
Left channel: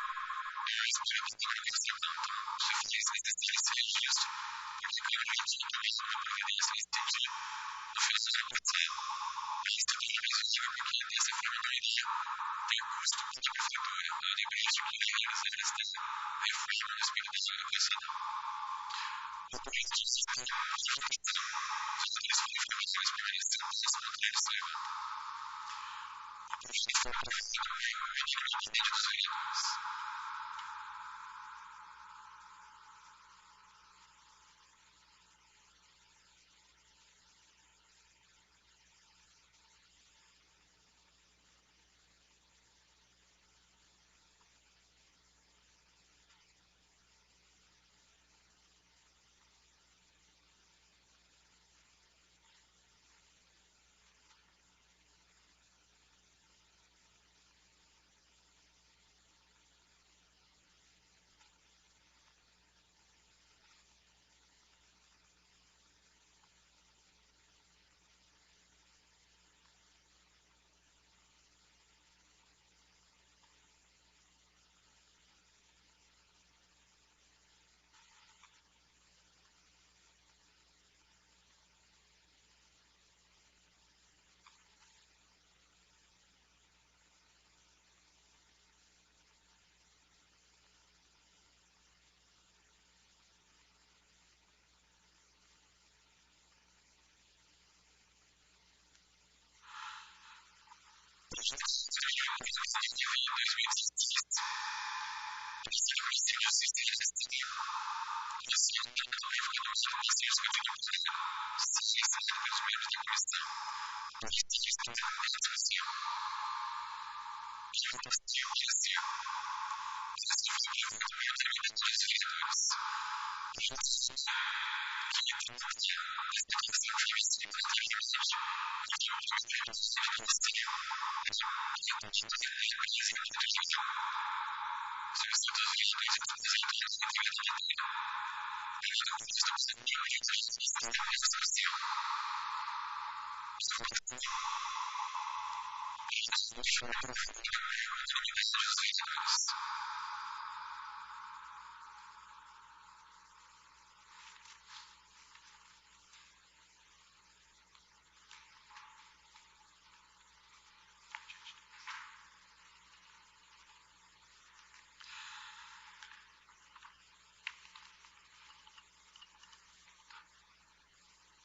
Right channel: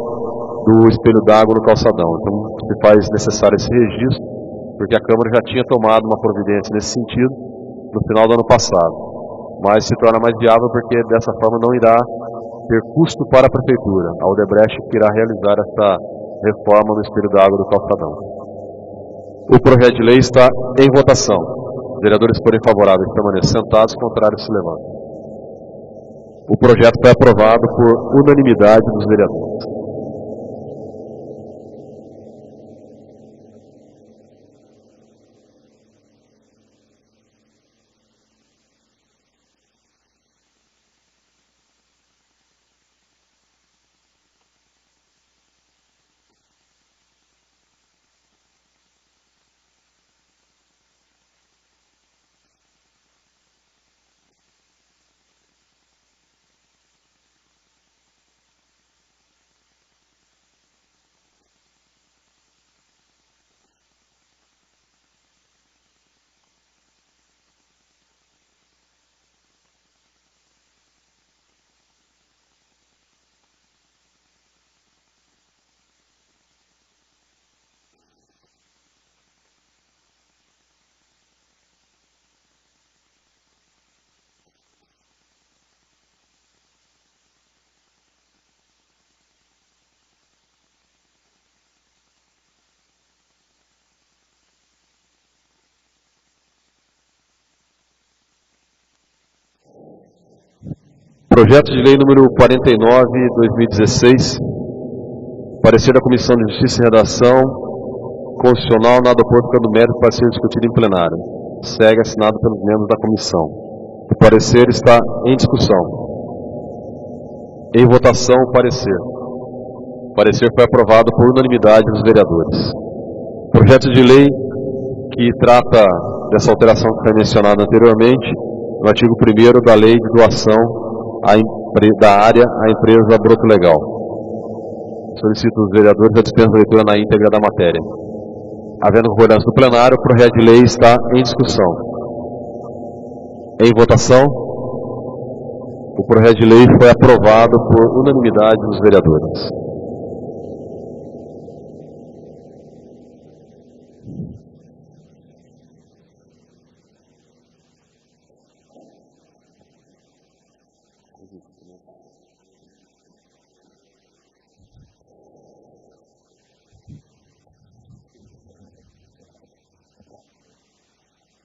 do espelho d'água no calçadão. Então se faz necessário esse registro, porque a Câmara já tinha tomado uma providência nesse sentido no final do ano passado. Mas se torna mais viável porque dessa forma não irá ter custo para a Prefeitura. A Odebrecht que irá realizar esta reforma no espelho d'água do calçadão. O projeto de lei está em votação. Os vereadores forem favoráveis permaneçam sentados, contrários se levantem. O projeto foi aprovado por unanimidade dos vereadores. Projeto de lei número 49/2016, parecer da Comissão de Justiça e Redação Constitucional, nada opor, ficando mérito para ser discutido em plenário. Segue assinado pelos membros da comissão. O parecer está em discussão. Em votação, o parecer. O parecer foi aprovado por unanimidade dos vereadores. Projeto de lei que trata dessa alteração que foi mencionada anteriormente, no artigo 1º da Lei de Doação da área à empresa Broto Legal. Solicito aos vereadores a dispensa da leitura na íntegra da matéria. Havendo concordância do plenário, o projeto de lei está em discussão. Em votação, o projeto de lei foi aprovado por unanimidade dos vereadores.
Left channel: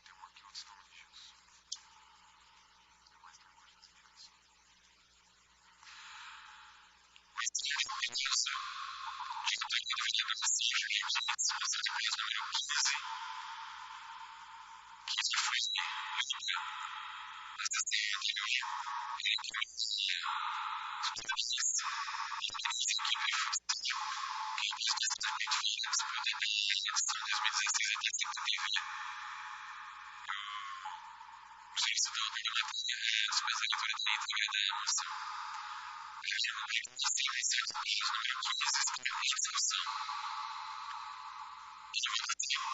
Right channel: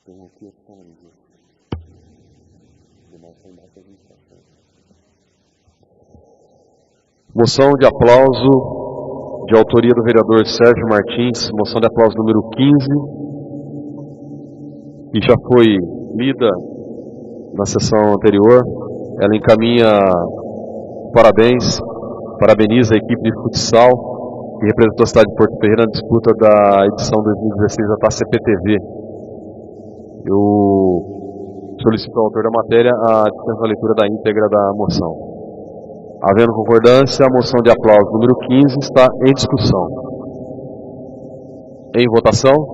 Tem um aqui, outros estão ali, Gilson. Os demais estão embaixo das indicações. Moção de aplauso de autoria do vereador Sérgio Martins, moção de aplauso número 15, que já foi lida na sessão anterior. Ela encaminha os parabéns, parabeniza a equipe de futsal que representou a cidade de Porto Ferreira na disputa da edição 2016 da Taça CPTV. Eu solicito ao autor da matéria a dispensa da leitura da íntegra da moção. Havendo concordância, a moção de aplauso número 15 está em discussão. Em votação,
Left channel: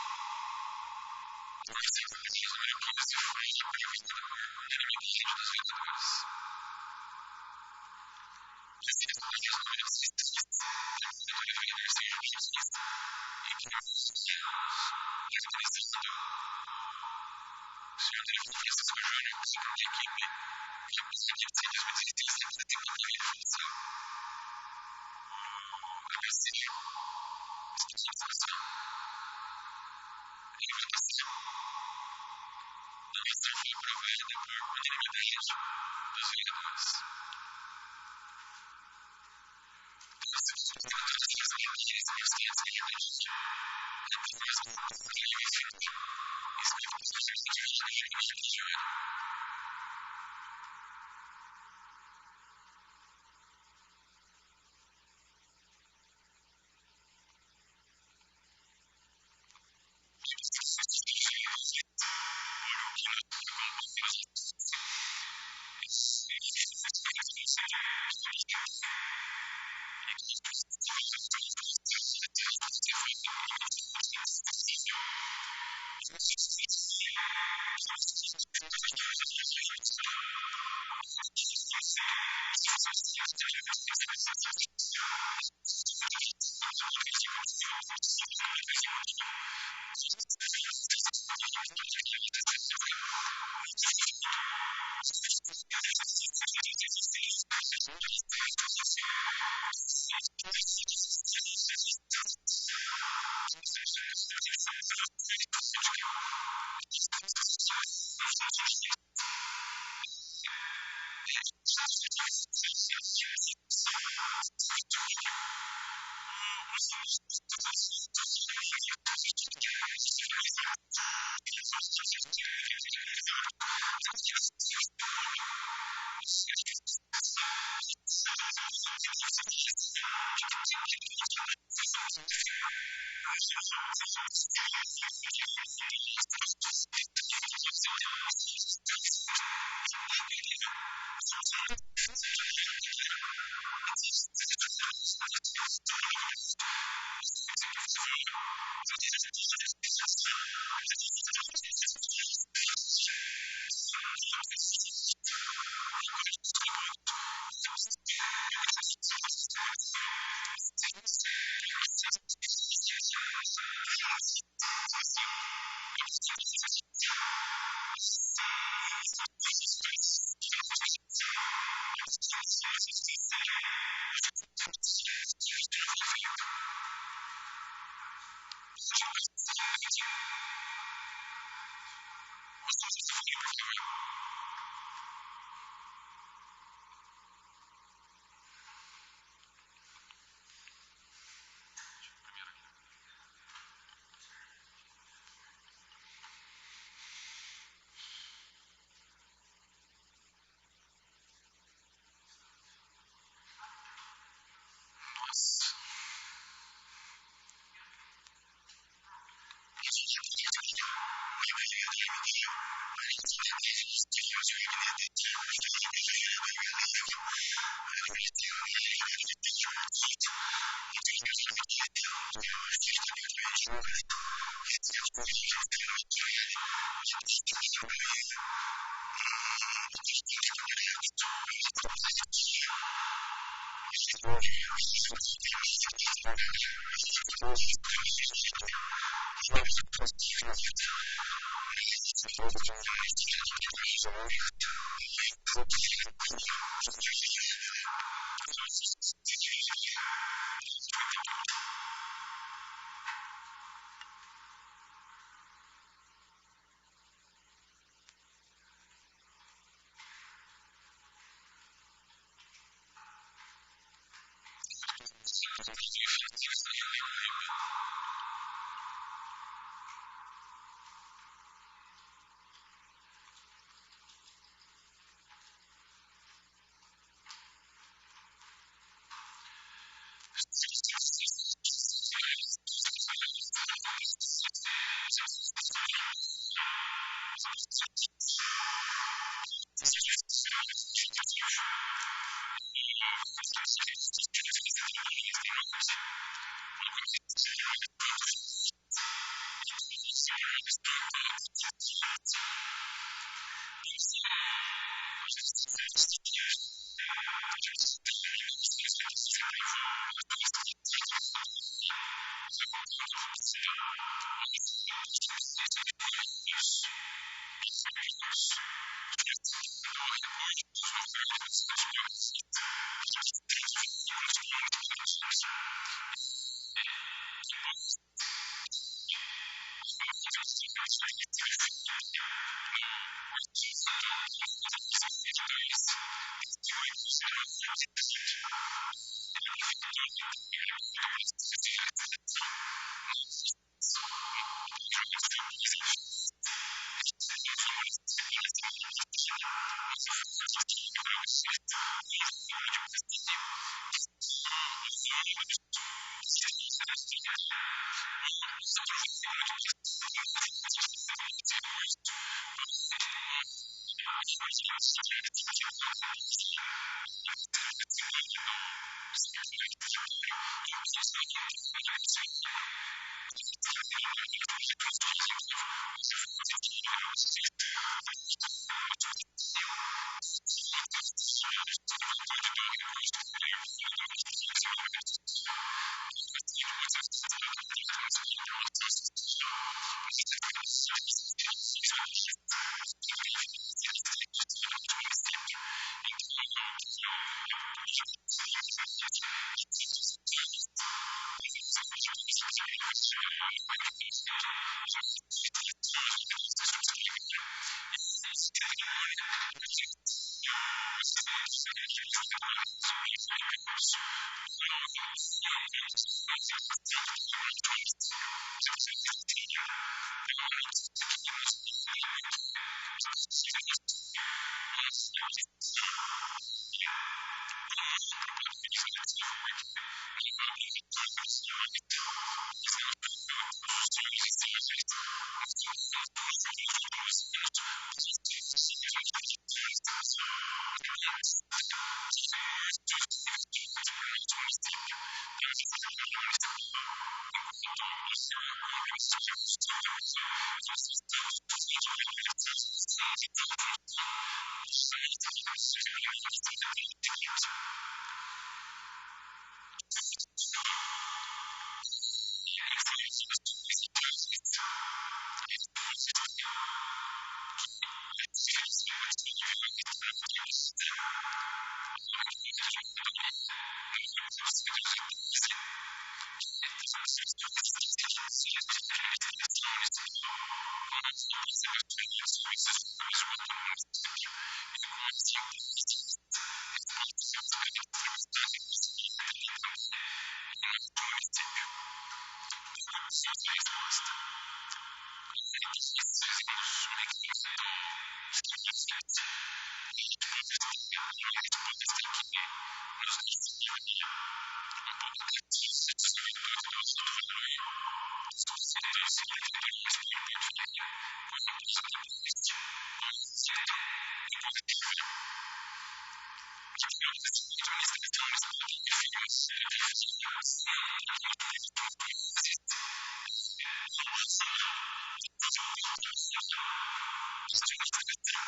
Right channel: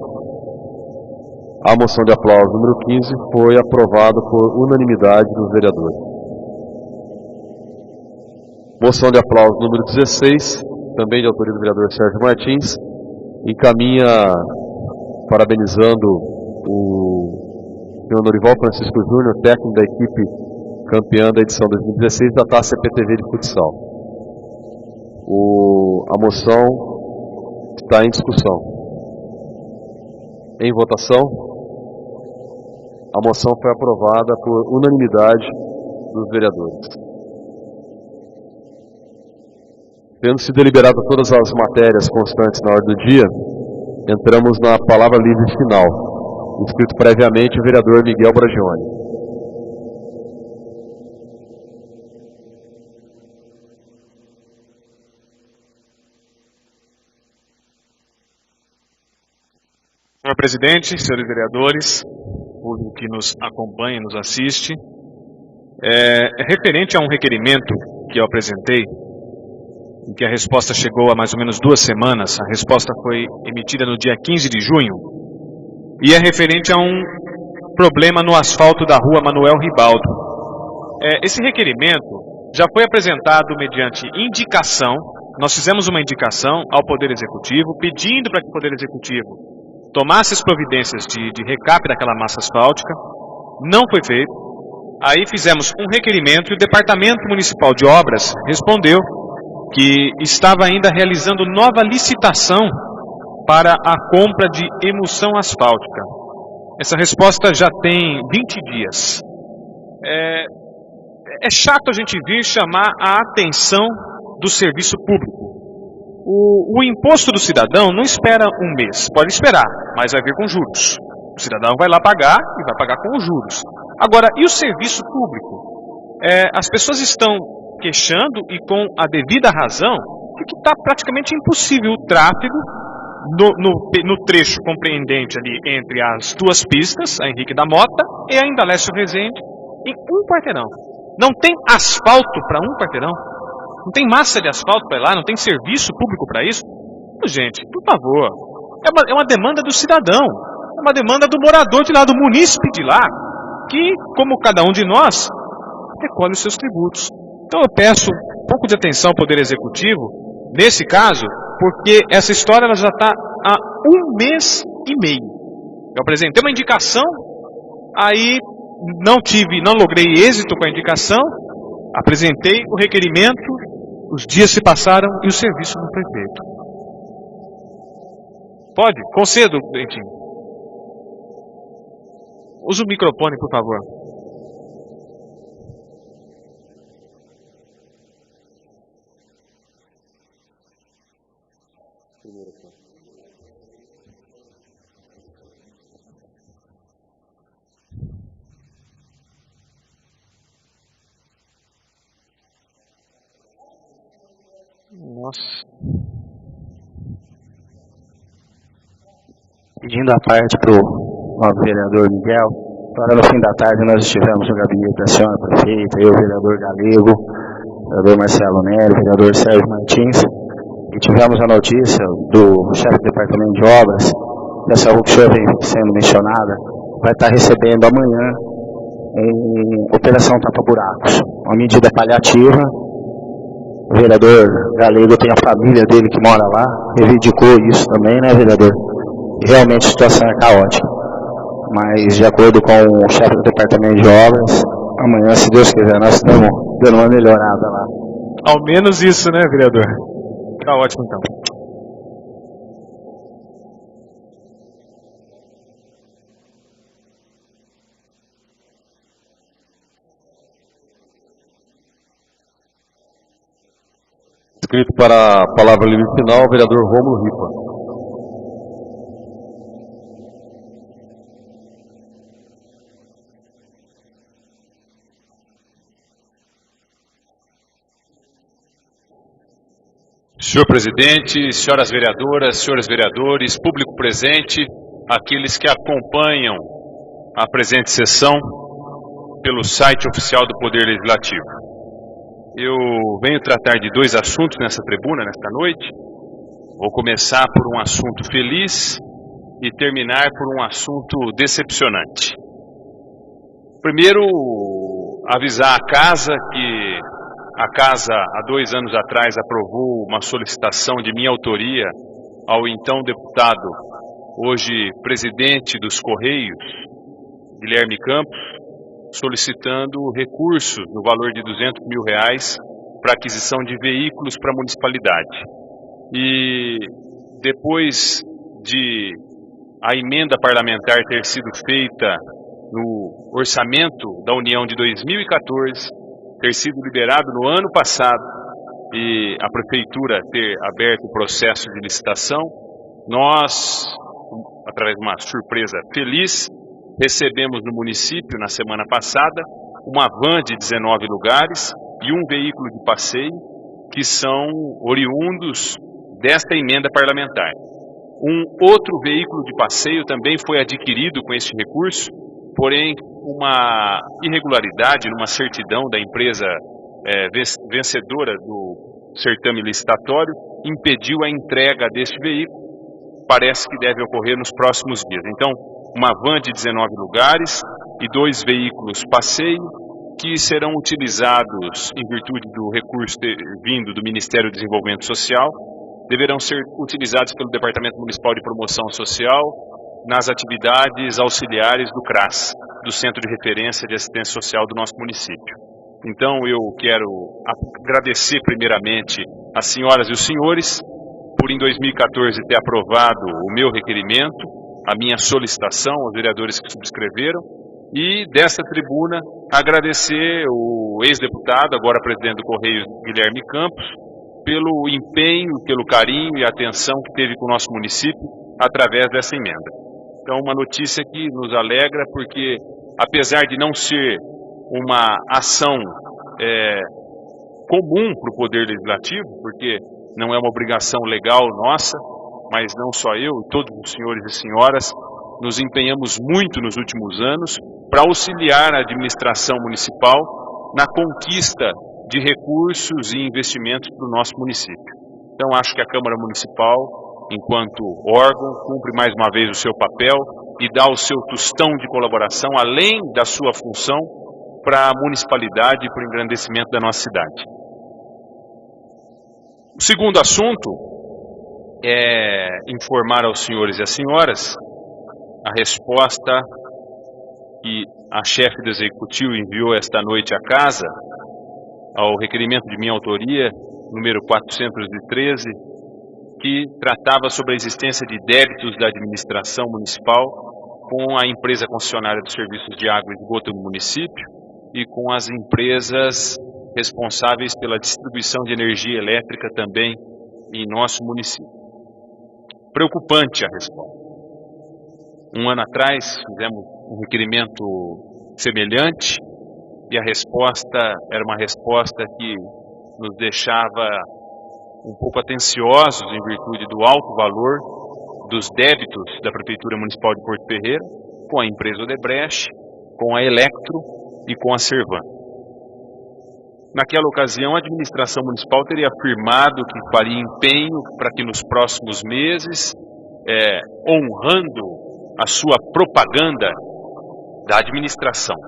A moção de aplauso número 15 foi aprovada por unanimidade dos vereadores. Moção de aplauso número 16, também de autoria do vereador Sérgio Martins, encaminha, parabenizando o senhor Norival Francisco Júnior, técnico da equipe campeã da edição 2016 da Taça CPTV de futsal. A moção está em discussão. Em votação, a moção foi aprovada por unanimidade dos vereadores. Tendo se deliberado todas as matérias constantes na ordem do dia, entramos na palavra livre final, inscrito previamente o vereador Miguel Bragione. Senhor presidente, senhores vereadores, público que nos acompanha e nos assiste, referente a um requerimento que eu apresentei, e que a resposta chegou há mais ou menos 2 semanas, a resposta foi emitida no dia 15 de junho, e é referente a um problema no asfalto da rua Manuel Ribaldo. Esse requerimento já foi apresentado mediante indicação. Nós fizemos uma indicação ao Poder Executivo, pedindo para que o Poder Executivo tomasse as providências de recap daquela massa asfáltica. Não foi feito. Aí fizemos um requerimento e o Departamento Municipal de Obras respondeu que estava ainda realizando nova licitação para a compra de emulsão asfáltica. Essa resposta já tem 20 dias. É chato a gente vir chamar a atenção do serviço público. O imposto do cidadão não espera um mês, pode esperar, mas vai vir com juros. O cidadão vai lá pagar e vai pagar com os juros. Agora, e o serviço público? As pessoas estão queixando, e com a devida razão, de que está praticamente impossível o tráfego no trecho compreendente ali entre as 2 pistas, a Henrique da Mota e a Indalécio Rezende, em 1 quarteirão. Não tem asfalto para 1 quarteirão? Não tem massa de asfalto para ir lá? Não tem serviço público para isso? Gente, por favor, é uma demanda do cidadão, é uma demanda do morador de lá, do munícipe de lá, que, como cada um de nós, recolhe os seus tributos. Então eu peço um pouco de atenção ao Poder Executivo, nesse caso, porque essa história ela já está há 1 mês e meio. Eu apresentei uma indicação, aí não logrei êxito com a indicação, apresentei o requerimento, os dias se passaram e o serviço não foi feito. Pode? Concedo, Dentinho. Use o microfone, por favor. Primeiro aqui. Nossa. Pedindo a parte para o novo vereador Miguel. Agora, no fim da tarde, nós estivemos no gabinete da senhora prefeita, eu, o vereador Galego, o vereador Marcelo Nery, o vereador Sérgio Martins, e tivemos a notícia do chefe do departamento de obras, que essa rua que o senhor vem sendo mencionada, vai estar recebendo amanhã uma operação tapa-buracos, uma medida paliativa. O vereador Galego tem a família dele que mora lá, reivindicou isso também, né, vereador? Que realmente a situação é caótica. Mas, de acordo com o chefe do departamento de obras, amanhã, se Deus quiser, nós estamos dando uma melhorada lá. Ao menos isso, né, vereador? Tá ótimo, então. Inscrito para a palavra livre final, o vereador Rômulo Ripa. Senhor presidente, senhoras vereadoras, senhores vereadores, público presente, aqueles que acompanham a presente sessão pelo site oficial do Poder Legislativo. Eu venho tratar de 2 assuntos nessa tribuna, nesta noite. Vou começar por um assunto feliz, e terminar por um assunto decepcionante. Primeiro, avisar a casa que a casa, há 2 anos atrás, aprovou uma solicitação de minha autoria ao então deputado, hoje presidente dos Correios, Guilherme Campos, solicitando recursos no valor de R$200 mil para aquisição de veículos para a municipalidade. E depois de a emenda parlamentar ter sido feita no orçamento da União de 2014, ter sido liberado no ano passado e a Prefeitura ter aberto o processo de licitação, nós, através de uma surpresa feliz, recebemos no município, na semana passada, uma van de 19 lugares e um veículo de passeio que são oriundos desta emenda parlamentar. Um outro veículo de passeio também foi adquirido com este recurso, porém uma irregularidade numa certidão da empresa vencedora do certame licitatório impediu a entrega deste veículo. Parece que deve ocorrer nos próximos dias. Então, uma van de 19 lugares e 2 veículos passeio que serão utilizados em virtude do recurso vindo do Ministério do Desenvolvimento Social, deverão ser utilizados pelo Departamento Municipal de Promoção Social nas atividades auxiliares do CRAS, do Centro de Referência de Assistência Social do nosso município. Então eu quero agradecer primeiramente às senhoras e os senhores por em 2014 ter aprovado o meu requerimento, a minha solicitação aos vereadores que subscreveram, e desta tribuna agradecer o ex-deputado, agora presidente do Correios, Guilherme Campos, pelo empenho, pelo carinho e atenção que teve com o nosso município através dessa emenda. Então, uma notícia que nos alegra, porque apesar de não ser uma ação comum para o Poder Legislativo, porque não é uma obrigação legal nossa, mas não só eu e todos os senhores e senhoras nos empenhamos muito nos últimos anos para auxiliar a administração municipal na conquista de recursos e investimentos para o nosso município. Então, acho que a Câmara Municipal, enquanto órgão, cumpre mais uma vez o seu papel e dá o seu tostão de colaboração, além da sua função, para a municipalidade e para o engrandecimento da nossa cidade. O segundo assunto é informar aos senhores e às senhoras a resposta que a chefe do Executivo enviou esta noite à casa ao requerimento de minha autoria, número 413, que tratava sobre a existência de débitos da administração municipal com a empresa concessionária dos serviços de água e esgoto no município e com as empresas responsáveis pela distribuição de energia elétrica também em nosso município. Preocupante a resposta. Um ano atrás fizemos um requerimento semelhante e a resposta era uma resposta que nos deixava um pouco atenciosos em virtude do alto valor dos débitos da Prefeitura Municipal de Porto Ferreira com a empresa Odebrecht, com a Electro e com a Servan. Naquela ocasião, a administração municipal teria afirmado que faria empenho para que nos próximos meses, honrando a sua propaganda da administração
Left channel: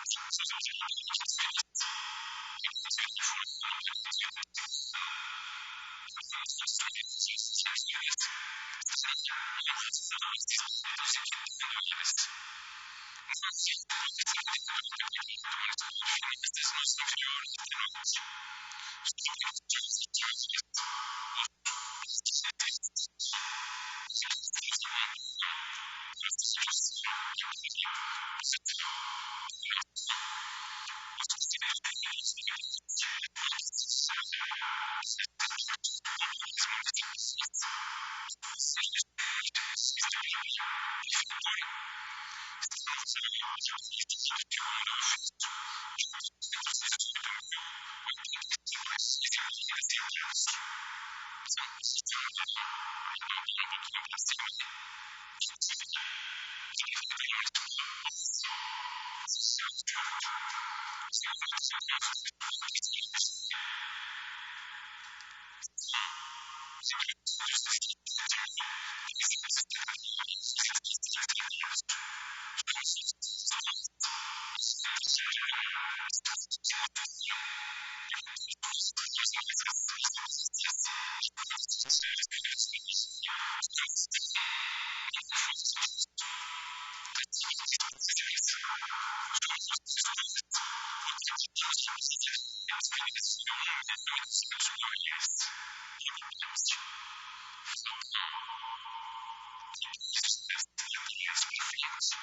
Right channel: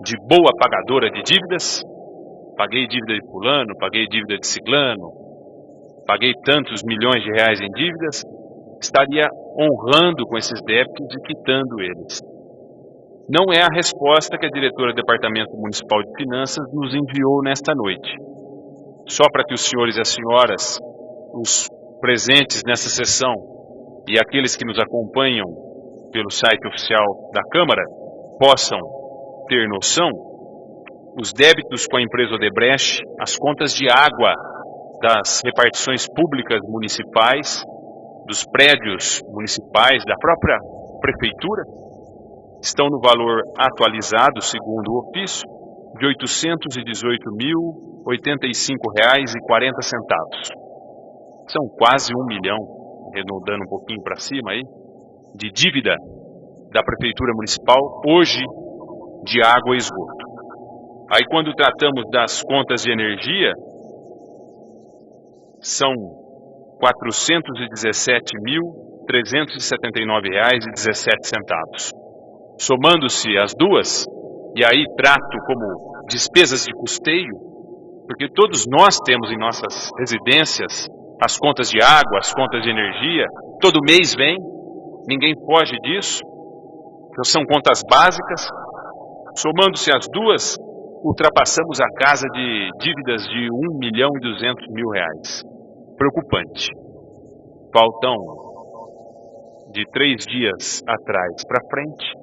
de boa pagadora de dívidas, paguei dívida de fulano, paguei dívida de ciclano, paguei tantos milhões de reais em dívidas, estaria honrando com esses débitos e quitando eles. Não é a resposta que a diretora do Departamento Municipal de Finanças nos enviou nesta noite. Só para que os senhores e as senhoras, os presentes nessa sessão e aqueles que nos acompanham pelo site oficial da Câmara possam ter noção, os débitos com a empresa Odebrecht, as contas de água das repartições públicas municipais, dos prédios municipais, da própria prefeitura, estão no valor atualizado, segundo o ofício, de R$ 818.085,40. São quase 1 milhão, arredondando um pouquinho para cima aí, de dívida da Prefeitura Municipal, hoje, de água e esgoto. Aí quando tratamos das contas de energia, são R$ 417.300 R$ 379,17. Somando-se as duas, e aí trato como despesas de custeio, porque todos nós temos em nossas residências as contas de água, as contas de energia, todo mês vem, ninguém foge disso, então são contas básicas. Somando-se as duas, ultrapassamos a casa de dívidas de R$ 1.200.000. Preocupante. Faltam de 3 dias atrás para frente,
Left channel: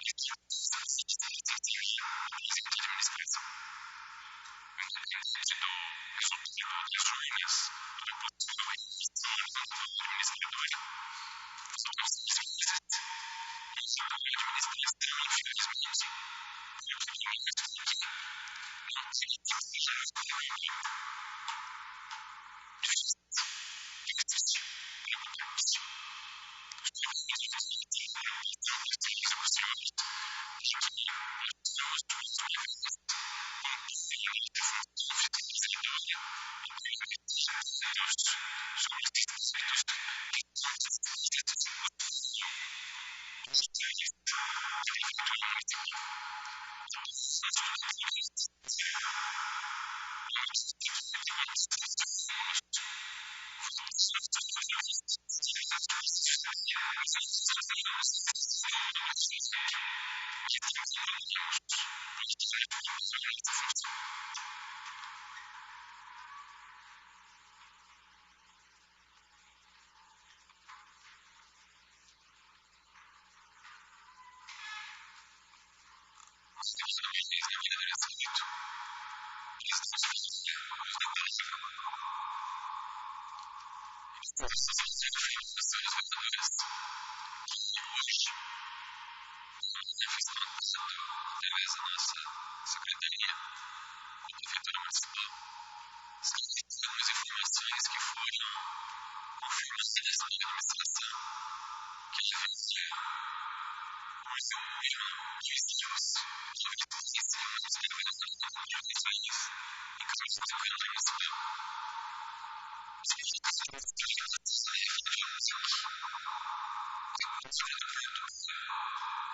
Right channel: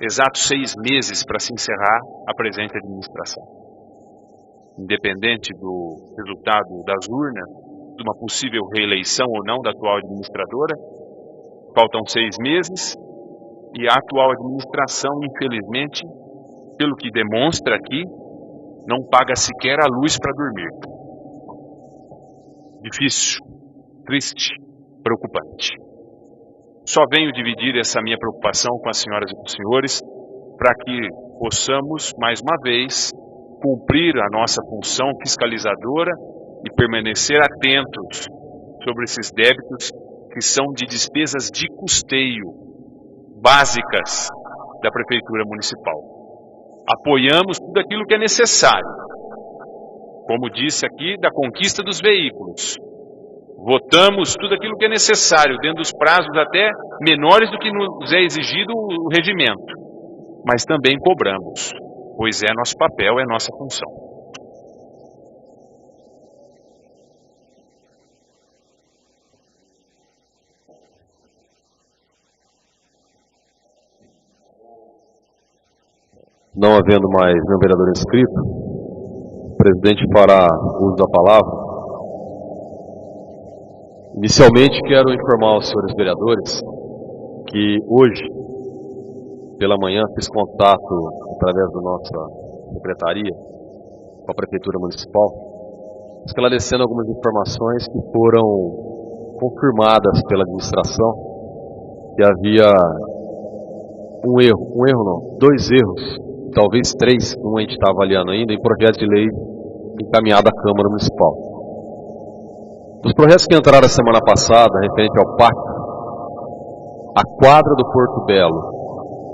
exatos 6 meses para se encerrar a presente administração. Independente do resultado das urnas, de uma possível reeleição ou não da atual administradora, faltam 6 meses e a atual administração, infelizmente, pelo que demonstra aqui, não paga sequer a luz para dormir. Difícil, triste, preocupante. Só venho dividir essa minha preocupação com as senhoras e com os senhores para que possamos, mais uma vez, cumprir a nossa função fiscalizadora e permanecer atentos sobre esses débitos que são de despesas de custeio básicas da Prefeitura Municipal. Apoiamos tudo aquilo que é necessário. Como disse aqui, da conquista dos veículos. Votamos tudo aquilo que é necessário, dentro dos prazos até menores do que nos é exigido o regimento. Mas também cobramos, pois é nosso papel, é nossa função. Não havendo mais nenhum vereador inscrito, o presidente fará uso da palavra. Inicialmente, quero informar aos senhores vereadores que hoje, pela manhã, fiz contato através da nossa secretaria com a Prefeitura Municipal, esclarecendo algumas informações que foram confirmadas pela administração, que havia dois erros, e talvez 3, que a gente está avaliando ainda, em projetos de leis encaminhados à Câmara Municipal. Dos projetos que entraram a semana passada, referente ao PAC, a quadra do Porto Belo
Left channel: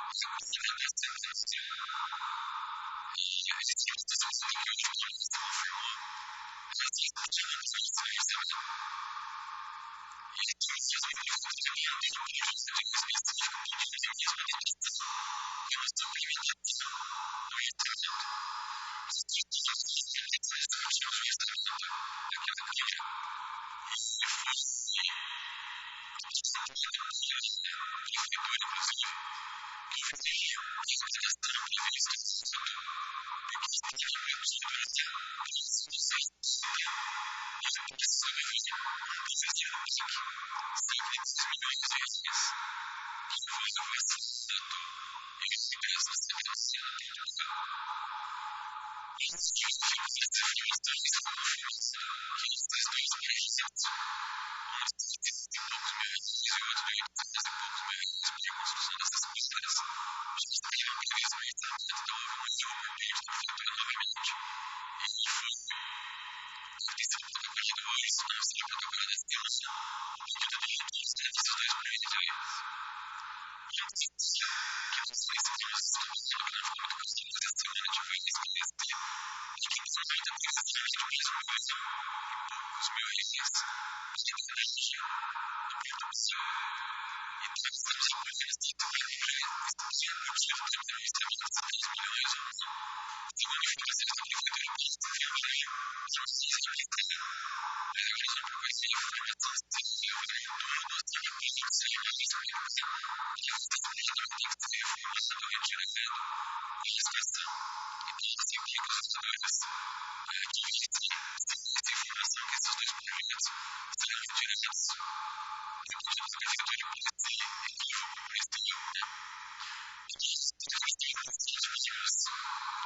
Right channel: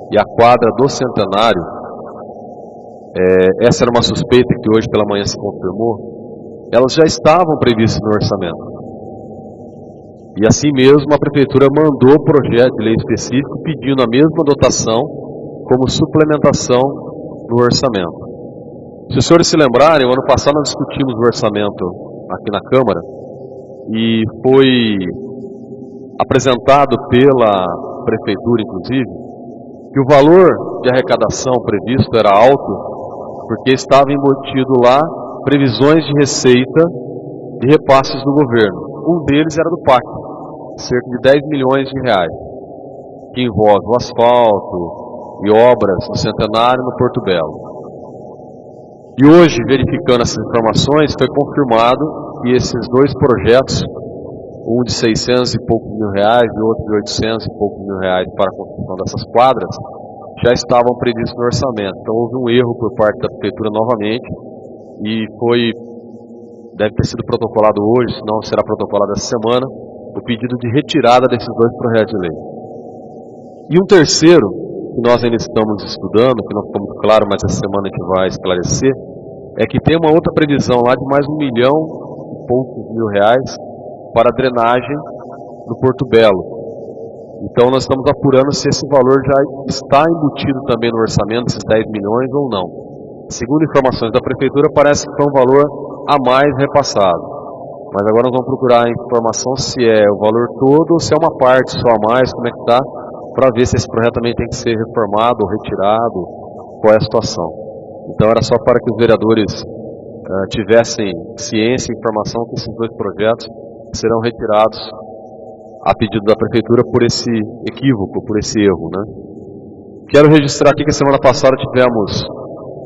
e a quadra do Centenário, essa era uma suspeita que hoje pela manhã se confirmou, elas já estavam previstas no orçamento. E assim mesmo a Prefeitura mandou o projeto de lei específico pedindo a mesma dotação como suplementação no orçamento. Se os senhores se lembrarem, o ano passado nós discutimos o orçamento aqui na Câmara e foi apresentado pela Prefeitura, inclusive, que o valor de arrecadação previsto era alto porque estava embutido lá previsões de receita de repasses do governo. Um deles era do PAC, cerca de 10 milhões de reais, que envolve o asfalto e obras no Centenário e no Porto Belo. E hoje, verificando essas informações, foi confirmado que esses 2 projetos, um de 600 e poucos mil reais e outro de 800 e poucos mil reais para a construção dessas quadras, já estavam previstos no orçamento. Então houve um erro por parte da Prefeitura novamente e deve ter sido protocolado hoje, se não será protocolado essa semana, o pedido de retirada desses 2 projetos de leis. E um terceiro, que nós ainda estamos estudando, que não ficou muito claro, mas essa semana a gente vai esclarecer, é que tem uma outra previsão lá de mais 1 milhão e poucos mil reais para a drenagem no Porto Belo. Então nós estamos apurando se esse valor já está embutido também no orçamento, esses 10 milhões ou não. Segundo informações da Prefeitura, parece que foi um valor a mais repassado. Mas agora nós vamos procurar a informação se é o valor todo ou se é uma parte só a mais, como é que está, para ver se esse projeto também tem que ser reformado ou retirado, qual é a situação. Então era só para que os vereadores tivessem ciência e informação que esses 2 projetos serão retirados a pedido da Prefeitura por esse equívoco, por esse erro, né? Quero registrar aqui que a semana passada tivemos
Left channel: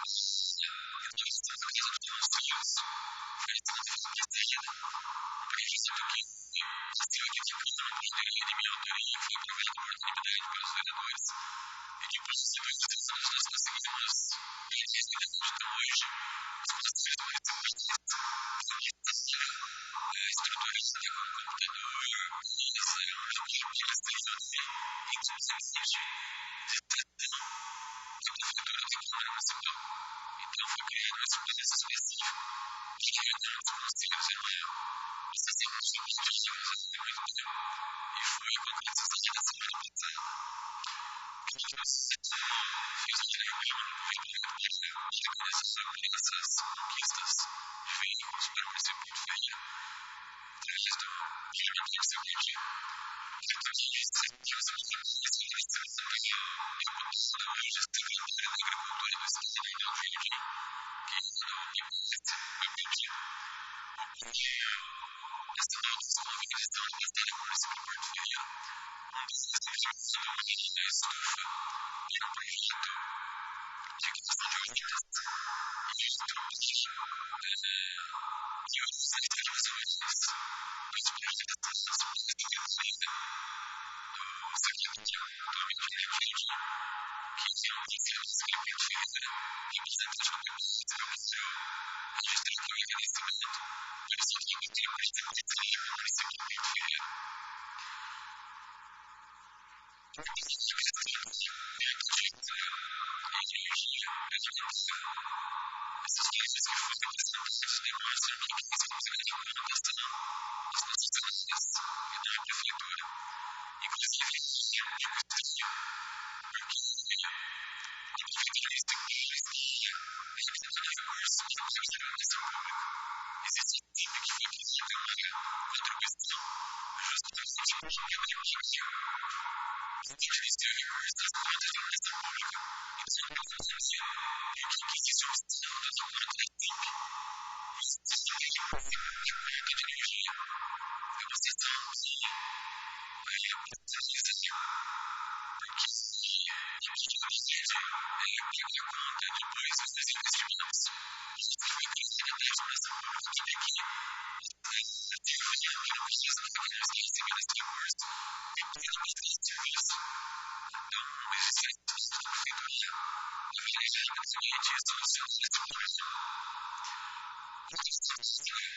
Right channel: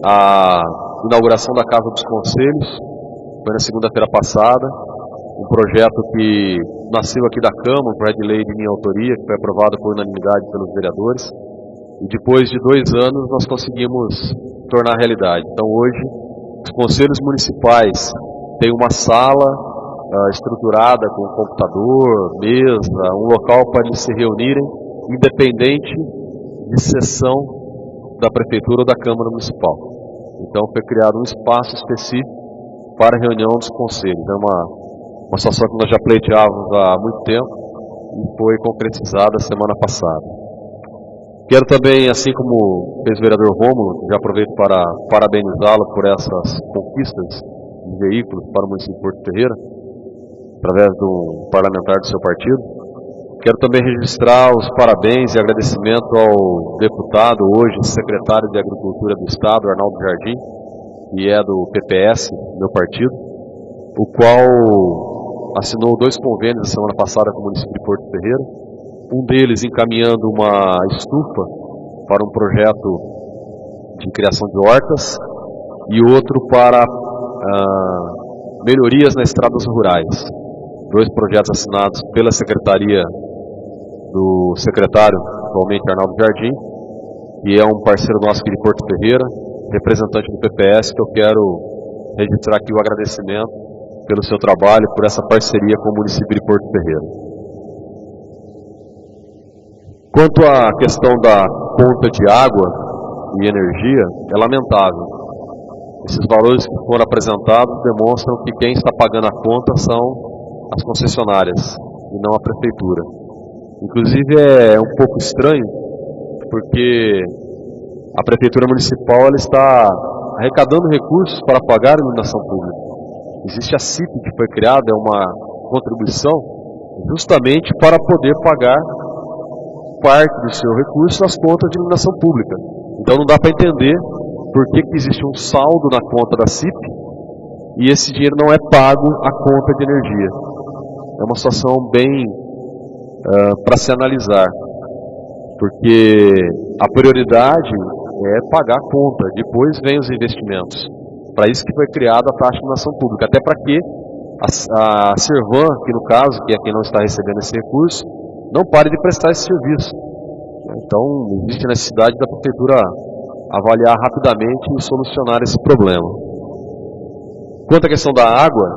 a inauguração da Casa dos Conselhos, foi na segunda-feira passada, um projeto que nasceu aqui da Câmara, um projeto de lei de minha autoria, que foi aprovado por unanimidade pelos vereadores, e depois de 2 anos nós conseguimos tornar realidade. Então hoje, os conselhos municipais têm uma sala estruturada com computador, mesa, um local para eles se reunirem, independente de sessão da Prefeitura ou da Câmara Municipal. Então foi criado um espaço específico para a reunião dos conselhos. Era uma situação que nós já pleiteávamos há muito tempo e foi concretizada semana passada. Quero também, assim como fez o vereador Rômulo, já aproveito para parabenizá-lo por essas conquistas de veículos para o município de Porto Ferreira, através de um parlamentar do seu partido. Quero também registrar os parabéns e agradecimento ao deputado, hoje secretário de Agricultura do Estado, Arnaldo Jardim, que é do PPS, meu partido, o qual assinou 2 convênios na semana passada com o município de Porto Ferreira. Um deles encaminhando uma estufa para um projeto de criação de hortas e outro para melhorias nas estradas rurais. 2 projetos assinados pela secretaria do secretário, atualmente Arnaldo Jardim, que é um parceiro nosso aqui de Porto Ferreira, representante do PPS, que eu quero registrar aqui o agradecimento pelo seu trabalho, por essa parceria com o município de Porto Ferreira. Quanto à questão da conta de água e energia, é lamentável. Esses valores que foram apresentados demonstram que quem está pagando a conta são as concessionárias e não a Prefeitura. Inclusive é um pouco estranho, porque a Prefeitura Municipal ela está arrecadando recursos para pagar a iluminação pública. Existe a CIP que foi criada, é uma contribuição justamente para poder pagar parte do seu recurso nas contas de iluminação pública. Então não dá para entender por que existe um saldo na conta da CIP e esse dinheiro não é pago à conta de energia. É uma situação bem para se analisar, porque a prioridade é pagar a conta, depois vem os investimentos. Para isso que foi criada a taxa de iluminação pública, até para que a Servan, que no caso, que é quem não está recebendo esse recurso, não pare de prestar esse serviço. Então, existe a necessidade da Prefeitura avaliar rapidamente e solucionar esse problema. Quanto à questão da água,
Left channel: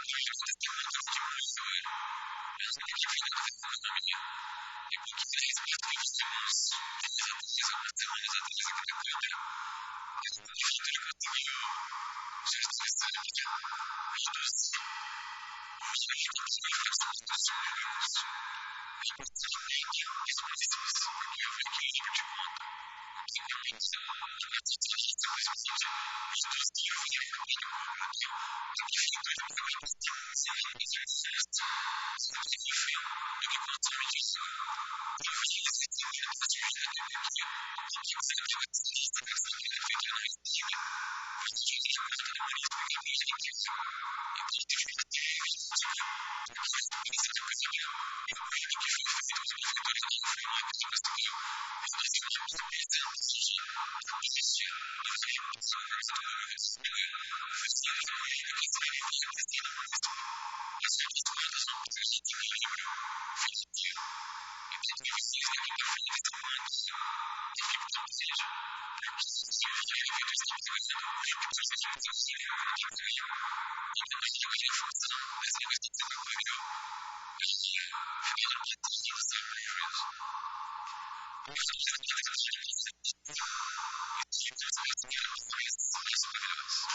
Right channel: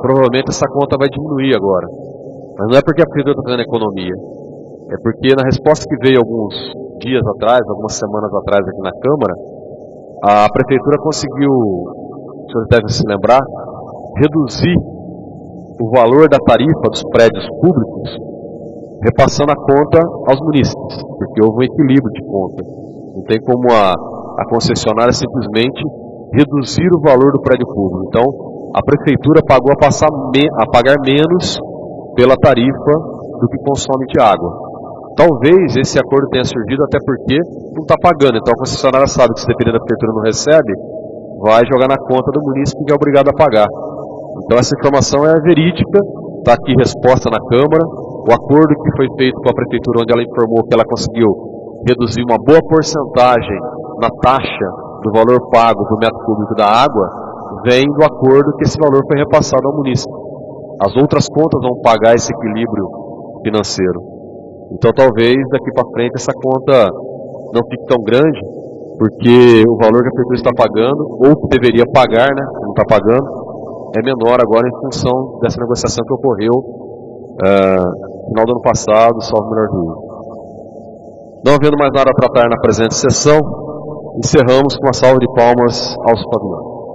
provavelmente essa conta vai diminuir agora. Mas não é porque a Prefeitura está fazendo economia. É porque na resposta que veio alguns dias atrás, algumas semanas atrás aqui na Câmara, a Prefeitura conseguiu, os senhores devem se lembrar, reduzir o valor da tarifa dos prédios públicos, repassando a conta aos munícipes, porque houve um equilíbrio de conta. Não tem como a concessionária simplesmente reduzir o valor do prédio público. Então, a Prefeitura pagou a pagar menos pela tarifa do que consome de água. Talvez esse acordo tenha surgido até porque não está pagando. Então, a concessionária sabe que se depender da Prefeitura não recebe, vai jogar na conta do munícipe que é obrigado a pagar. Então, essa informação é verídica, está aqui resposta na Câmara. O acordo que foi feito com a Prefeitura, onde ela informou que ela conseguiu reduzir uma boa porcentagem na taxa do valor pago por metro cúbico da água, vem do acordo que esse valor foi repassado ao munícipe. As outras contas vão pagar esse equilíbrio financeiro. Então talvez daqui para frente essa conta não fique tão grande, porque o valor que a Prefeitura está pagando, ou que deveria pagar, né, que não está pagando, é menor agora em função dessa negociação que ocorreu final do ano passado, salvo o melhor juízo. Não havendo mais nada a tratar na presente sessão, encerramos com uma salva de palmas aos pavilhões.